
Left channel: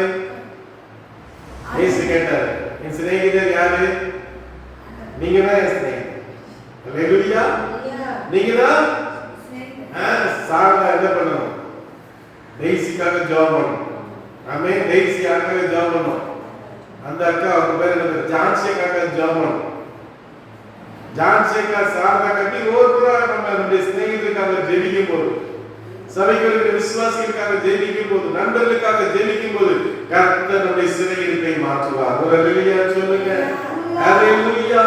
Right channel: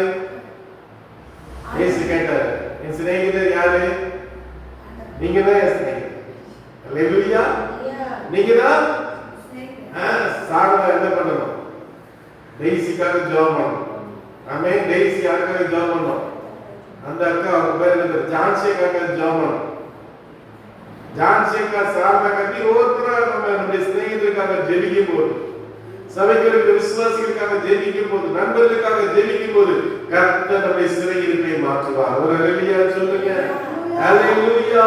இயேசு கேட்டார், என் சிநேகிதர் யாரு? நீங்க தான் சிநேகிதர். அல்லேலூயா. நீங்க தான் சாப்பிட என்ன பண்ணணும்? பேசிக்காக ஜெபம் பண்ணணும். ஆமே. டெய்ஸி யாருக்காக ஜெபம் பண்ணோம். அந்த அக்கா அவங்க பேர் என்ன? ஜான்சிக்காக ஜெபம் பண்ணோம். ஜான்சிக்கா சார்ந்த கட்டி ஒவ்வொருத்தரா நம்முடைய சிநேகிதருக்காக ஜெபிக்கும் போது, சபைகளுக்கு விசுவாசிகளுக்காக ஜெபிக்கும் போது, நண்பர்களுக்காக ஜெபிக்கும் போது கர்த்தர் நம்முடைய சிறையிருப்பை மாற்றுவார். ஒரு ஹல்லேலூயா சொல்லுங்க. ஹல்லேலூயா.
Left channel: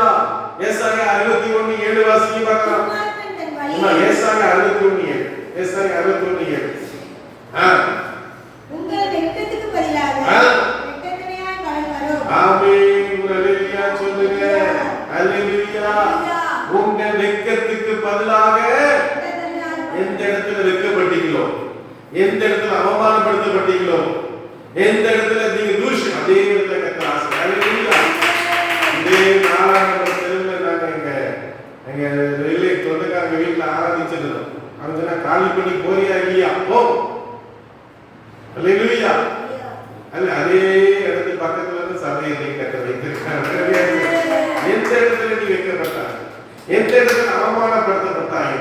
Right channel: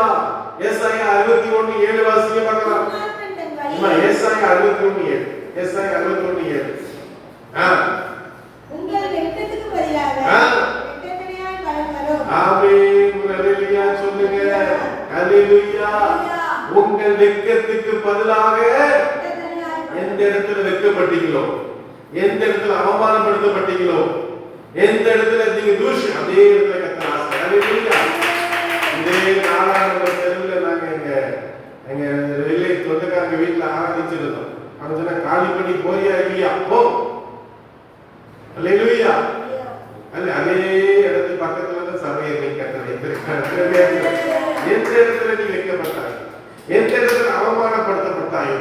ஏசாயா 61:7 வாசிங்க பார்க்கலாம். ஏசாயா 61:7. ஏசாயா 61:7. உங்கள் வெட்கத்துக்கு பதிலாக வெட்கத்தினால் பலன் வரும். ஆமென். ஹல்லேலூயா சொல்லுங்க. ஹல்லேலூயா. உங்கள் வெட்கத்துக்கு பதிலாக எந்த இடத்துல வெட்கப்பட்டீங்களோ, எந்த இடத்துல அவமானப்படுத்தப்பட்டீங்களோ, எந்த இடத்துல நீங்க தூஷி, அதே இடத்துல கர்த்தர் ஆசை. ஹல்லேலூயா. இதே நாளான தெருவில் நாங்க எங்க ரிலேட் சொந்தக்காரங்க வீட்டுல ஆராதிச்சிருந்தோம். அவங்க காலி பண்ணி போறியா இல்லையா? போ. ஹல்லேலூயா. அல்ல அதே இடத்து பக்கத்துல இருந்து சபையை நீ கட்ட வைத்திருக்காங்க. எந்த இடத்துல நீ வைக்கப்பட்டாய், எந்த இடத்துல அவமானப்படுத்தப்பட்டாயோ,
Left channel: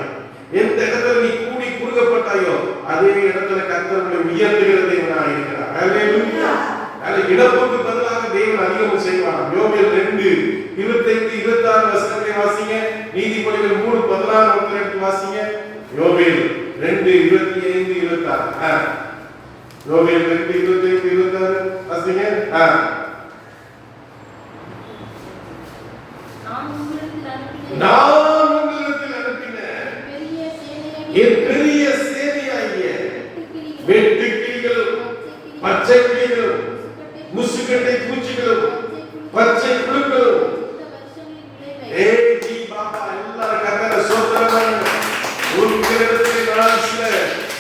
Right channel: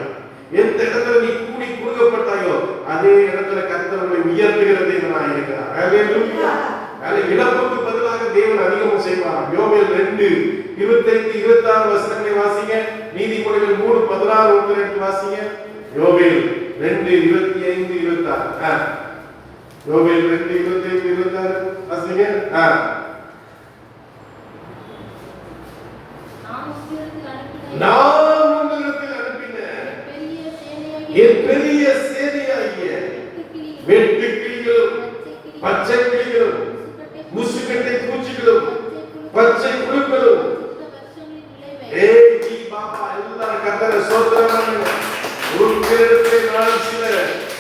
எந்த இடத்துல நீ கூடி குறுகப்பட்டாயோ, அதே இடத்துல கர்த்தர் உங்களை உயர்த்துகிற தேவனாக இருக்கிறார். ஹல்லேலூயா. இழப்புக்கு பதிலாக தேவன் அதிகம் செய்வாராம். யோவேல் 2:25-26 வசனங்களை வாசிங்க. நீதிமொழிகள் 3:16 எடுத்து வாசிங்க. யோவேல் 2:25-26. யோவேல் 2:25-26 வாசிங்க. நான் உங்களிடத்தில் அனுப்பின என் பெரிய சேனையாகிய வெட்டுக்கிளிகளும் பச்சை கிளிகளும் முசுக்கட்டை பூச்சிகளும் பச்சை புழுக்களும் எல்லாரும் கர்த்தரை ஸ்தோத்திரம் பண்ணுங்க. உங்களிடத்திலே நான் சில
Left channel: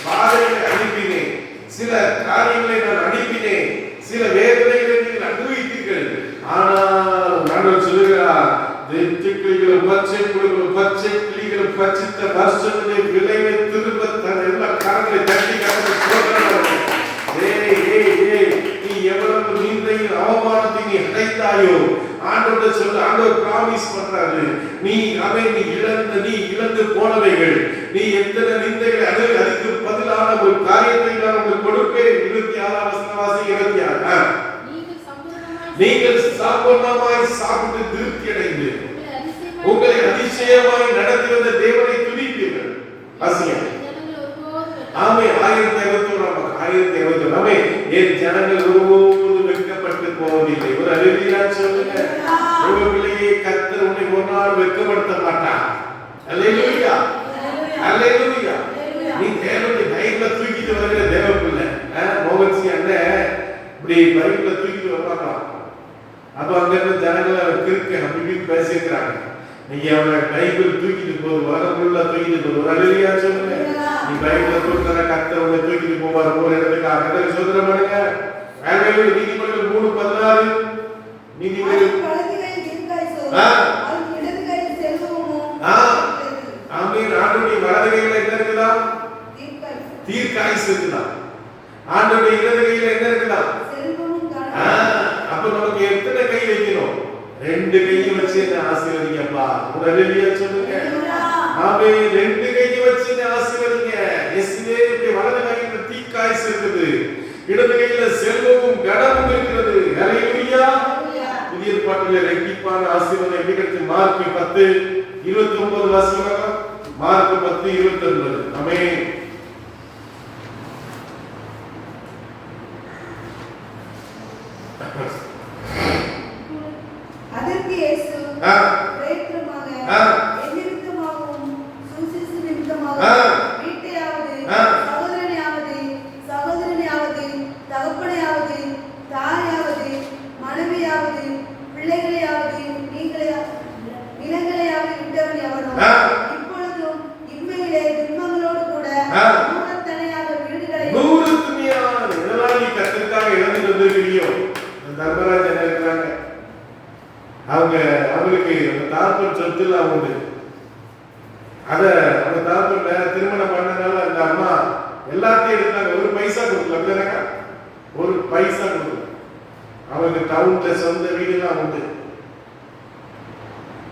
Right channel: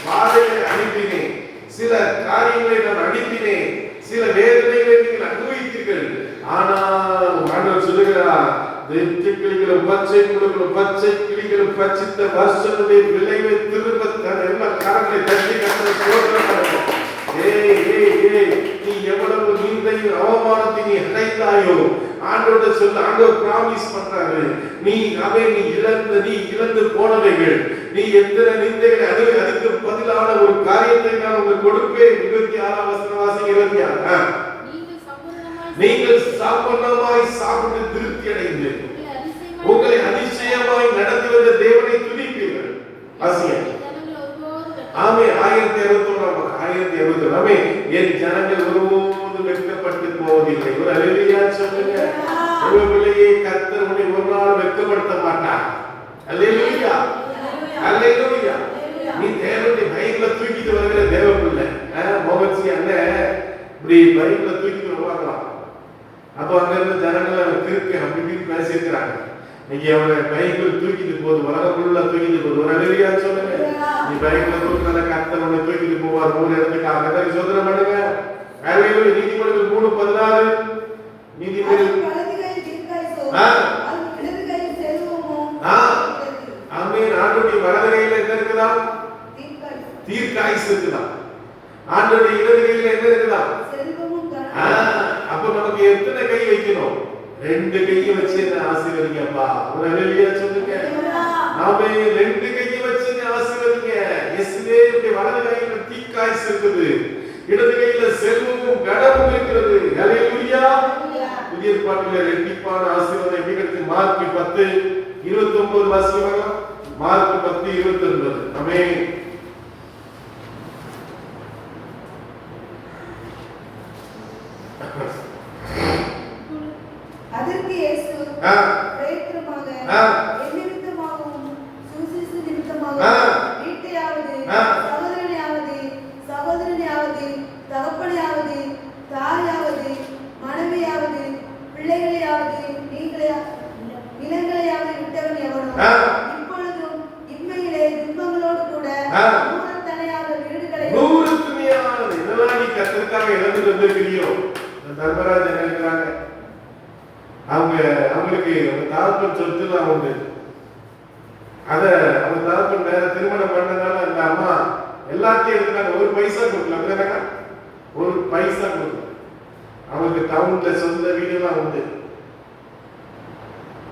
பாதைகளை அனுப்பினேன், சில காரியங்களை நான் அனுப்பினேன், சில வேதனைகளை நீங்கள் அனுபவித்தீர்கள். ஆனால் ஆண்டவர் சொல்லுகிறார், வெட்டுக்கிளிகளும் பச்சை புழுக்களும் பச்சை கிளிகளும் பச்சித்த வருஷங்களுடைய விளைவை திரும்ப தன் எல்லா காரங்களை தட்டி கர்த்தரை ஸ்தோத்திரம் பண்ணுங்க. நீ எவ்வளவு நீந்தையும் அவமானத்தை நீ அடைந்தாயோ, ஆண்டவர் சொல்லு, ஆண்டவர் பிராமிஸ் பண்றாரு, நீ இழந்து போனவைகள், நீ எத்தனை நிந்தைகளை அதுக்கு பதிலான ஒரு காரியத்தை நான் உங்களுக்கு கொடுப்பேன். 26 வசனம் வாசிங்க. 26. நீங்கள் சம்பூர்ணமாய் சாப்பிட்டு திருப்தி அடைந்து உங்களை அதிசயமாய் நடத்தி வந்த தேவனை துதிப்பீர்கள். வாசிங்க. ஆமே. 1061. ஆமே. என் ஜனங்கள் ஒருபோதும் வெட்கப்பட்டு போவதில்லை. ஒரு ஹல்லேலூயா சொல்லுங்க. உங்களுடைய கர்த்தர் உன்னை ஒரு நாள் வெட்கப்படுத்த மாட்டார். ஹல்லேலூயா. ஹல்லேலூயா. நீ தேவனுடைய பைபிளை தூக்கிட்டு வருகிற தேவ பிள்ளை. மோகன்சி அண்ணன் இப்படி பைபிளை தூக்கிட்டு வருவாங்களாம். அப்ப அங்க இருந்து ஜனங்கள் அவர் கிறுக்கு அப்படி பேசிக்கிறாங்க. நீங்க அவரை பைபிள் தூக்கிட்டு போது உலகம் ஃபுல்லா தூக்கிட்டு போது. ஒரு ஹல்லேலூயா சொல்லுங்க. நீ பைபிளை தூக்கினா கர்த்தர் உன்னை தூக்கிட்டு போவார். ஒரு இடத்துக்கு கர்த்தரை ஸ்தோத்திரம் பண்ணுங்க. ஹல்லேலூயா. நீதிமொழிகள் 3:16. நீதிமொழிகள் ஆமென். ஆண்டவருடைய வலது கையில என்ன இருக்கலாம்? தீர்க்காயுசு இருக்கலாம். ஆண்டவருடைய இடது கையில என்ன இருக்கலாம்? அப்ப நமக்கு எத்தனை கை வைக்கணும்? 2 கையை வச்சு என்ன ஆசீர்வதிங்கப்பா. ஒரு ஹல்லேலூயா சொல்லுங்க. ஆமென். 2 கையை வச்சு என்ன ஆசீர்வதிங்க. இயேசுவே வலது கையில தீர்க்காயுசு இருக்குது, இடது கையில செல்வமும் கனமும் இருக்கிறது. ஹல்லேலூயா. புதிய பாட்டிலே ரெட்டிப்பான ஆசீர்வாதம் எப்படி கிடைக்கும்? மார்க் 10:29 வாசிக்கலாம். மார்க் 10:29. ஆமென். அதற்கு இயேசு பிரேத்திரமாக என்னிடமாகவும் சுவிசேஷ நிமித்தமாக வீட்டையாவது சகோதரனையாவது தகப்பனையாவது தாயாவது மனைவியாவது பிள்ளைகளையாவது நிலங்களையாவது விட்டவன் எவனோ இப்பொழுதும் இம்மையிலே துன்பங்களோடு கூட நூறத்தனையாக வீடுகளையும் இதெல்லாம் நீ கர்த்தருக்காக இழந்து வந்திருக்கிறியோ. தர்மராஜ் என்ன இருக்கிறாங்க, அவங்களுக்கு தாழ்பன் சொத்துலாம் உண்டு. அவங்க தாழ்பன் வேற திருமணம் பண்ணனால அந்த அம்மா எல்லாத்தையும் எடுத்தாங்க. ஒரு பைசா கொடுக்கல, ஒரு பைசா கொடுக்கல. அவங்களுக்கு டவுன்ல சொந்த வீடுலாம் உண்டு.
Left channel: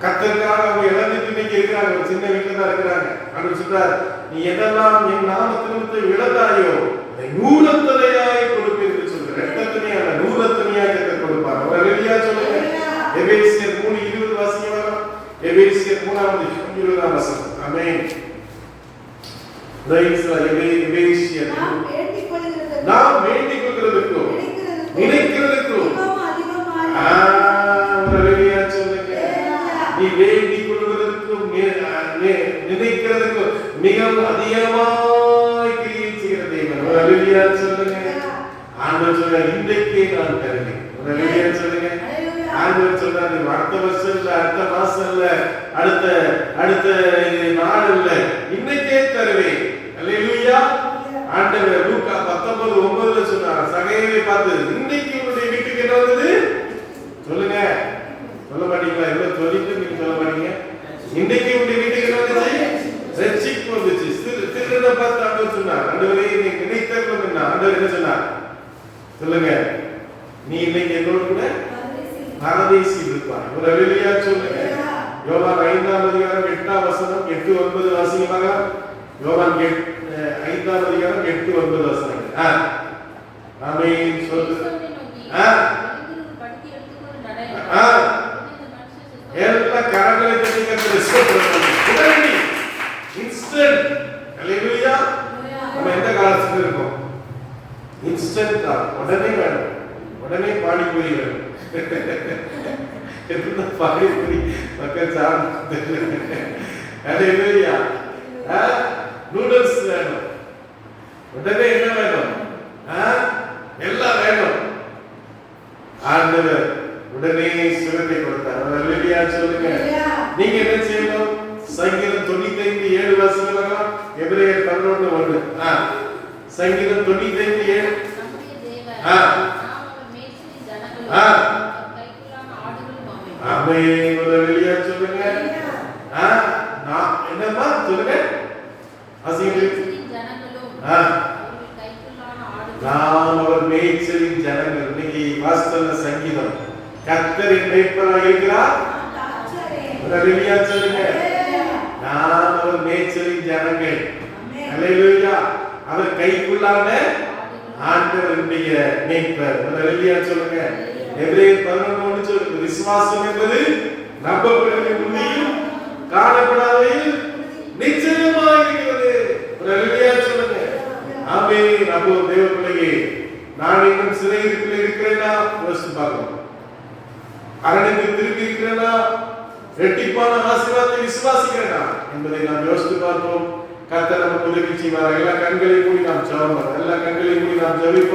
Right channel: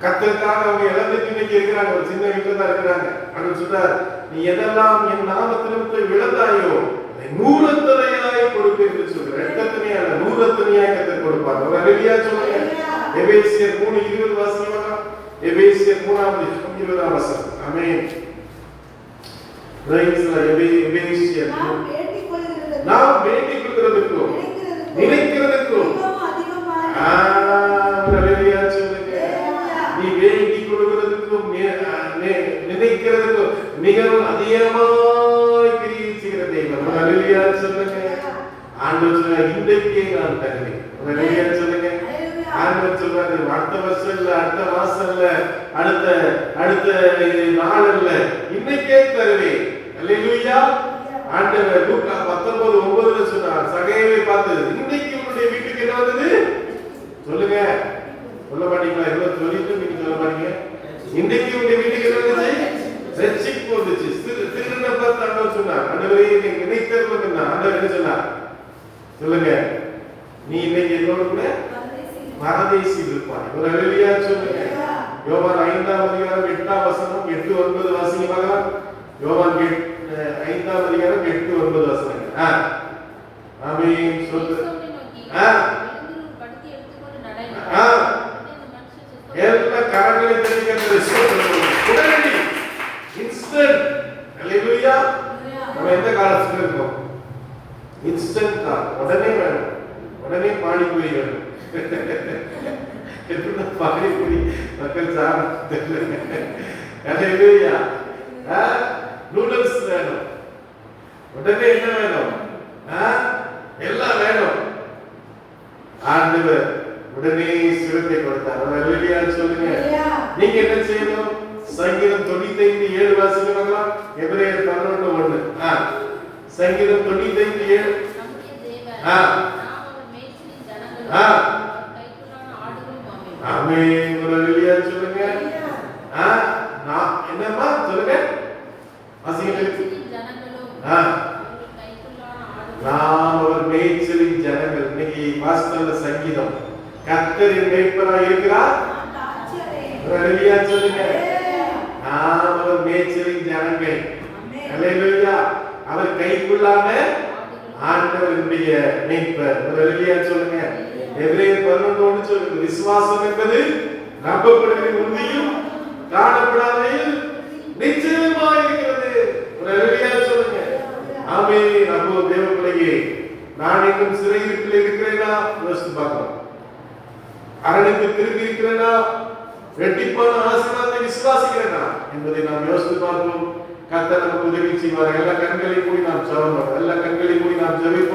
கர்த்தருக்காக அவங்க இழந்துட்டு இன்னைக்கு இருக்கிறாங்க. ஒரு சின்ன வீட்டுல தான் இருக்கிறாங்க. அப்படின்னு சொல்றாரு, நீ எதெல்லாம் என் நாமத்திற்கு இழந்தாயோ அதை நூறத்தனையாய் கொடுப்பேன் என்று சொல்ற. ஆண்டவர் சொல்றார், இன்றைக்கே நான் தருவேன். ரெடியா சொல்லுங்க. ஆண்டவர் சொல்றாரு, அடுத்த வருஷம் இல்ல, அடுத்த மாசம் இல்ல, அடுத்த அடுத்த நாள் இல்ல, இன்னைக்கே தருவேன். அல்லேலூயா. ஆண்டவர் லூக்கா 19:9 சொன்னார், சகையை பார்த்து, இன்னைக்கு உங்களுடைய வீட்டுக்கு என்ன வருது சொல்லுங்க. சொல்ல மாட்டீங்களா? எவ்வளவு சொல்லிட்டு நீங்க சொல்ல மாட்டீங்க. இன்னைக்கு உங்களுடைய வீட்டுக்கு என்ன வந்துச்சு? ரட்சிப்பு வந்துச்சு. திருடனை பார்த்து ஆண்டவர் சொன்னார், ஆண்டவரே நீங்க நினைத்தேன். ஆண்டவர் என்ன சொன்னார் சொல்லுங்க? நீ இன்னைக்கு என்னோட பரதேசியில் இருப்பாய். ஒரு அல்லேலூயா சொல்லுங்க. யோவான் 5ஆம் அதிகாரம் 8ஆம் வசனம் 8-9 வாசிங்க பார்க்கலாம். யோவான் 5ஆம் அதிகாரம் 8-9 வசனங்கள். ஆமென் சொல்லு. எல்லாம் கரங்களை தட்டி உடனடி இன்ஸ்டன்ட். அல்லேலூயா. நம்ம எந்த காலத்துல இருக்கோம்? இன்ஸ்டன்ட் தான். உடனே வேணும், உடனே பாடி போய் வேணும். எத்தனை பாடி போய் மக்கள் சாப்பிட்டு. அல்லேலூயா. நூடுல்ஸ் வேணும், உடனே என்ன வேணும்? எல்லாம் வேணும். ஆண்டவர் உடனே சுகத்தை கொடுத்தார். அல்லேலூயா சொல்லுங்க. நீங்க என்ன செய்யணும்? சங்கீதம் 95:7 வாசிக்கலாம். எபிரேயர் 11:1. சங்கீதம் 95:7. ஆமென். அல்லேலூயா சொல்லுங்க. நான் என்னமா சொல்லுங்க? நாம் அவர் மேய்ச்சலின் ஜனங்கள். இன்னைக்கு வாஸ்தவ சங்கீதம், கர்த்தரின் மேய்ப்பராய் இருக்கிறார். அல்லேலூயா சொல்லுங்க. நாம் அவர் மேய்ச்சலின் ஜனங்கள். அல்லேலூயா. அவர் கைக்குள்ளான ஆண்டவருடைய மேய்ப்பர். அல்லேலூயா சொல்லுங்க. எபிரேயர் 11:1 சொல்லுங்க, விசுவாசம் என்பது நம்பப்படுகிற உண்மையும் காணப்படாதவையும் நிச்சயமாய் இருக்கிறது. அல்லேலூயா சொல்லுங்க. ஆமென். அப்போ தேவ பிள்ளையே, நான் இன்னும் சிறையிருப்பில் இருக்கிறேனா யோசித்து பார்க்கணும். அரணுக்கு திருப்பி இருக்கிறேனா, ரெட்டிப்பான ஆசீர்வாதத்தை விசுவாசிக்கிறேனா என்பதை நாம் யோசித்து பார்ப்போம். கர்த்தர் நமக்கு உதவி செய்வார். எல்லா கண்களையும் மூடி நாம் ஜெபம் பண்ணுவோம். எல்லா கண்களையும் மூடி நாம் ஜெபிப்போம்.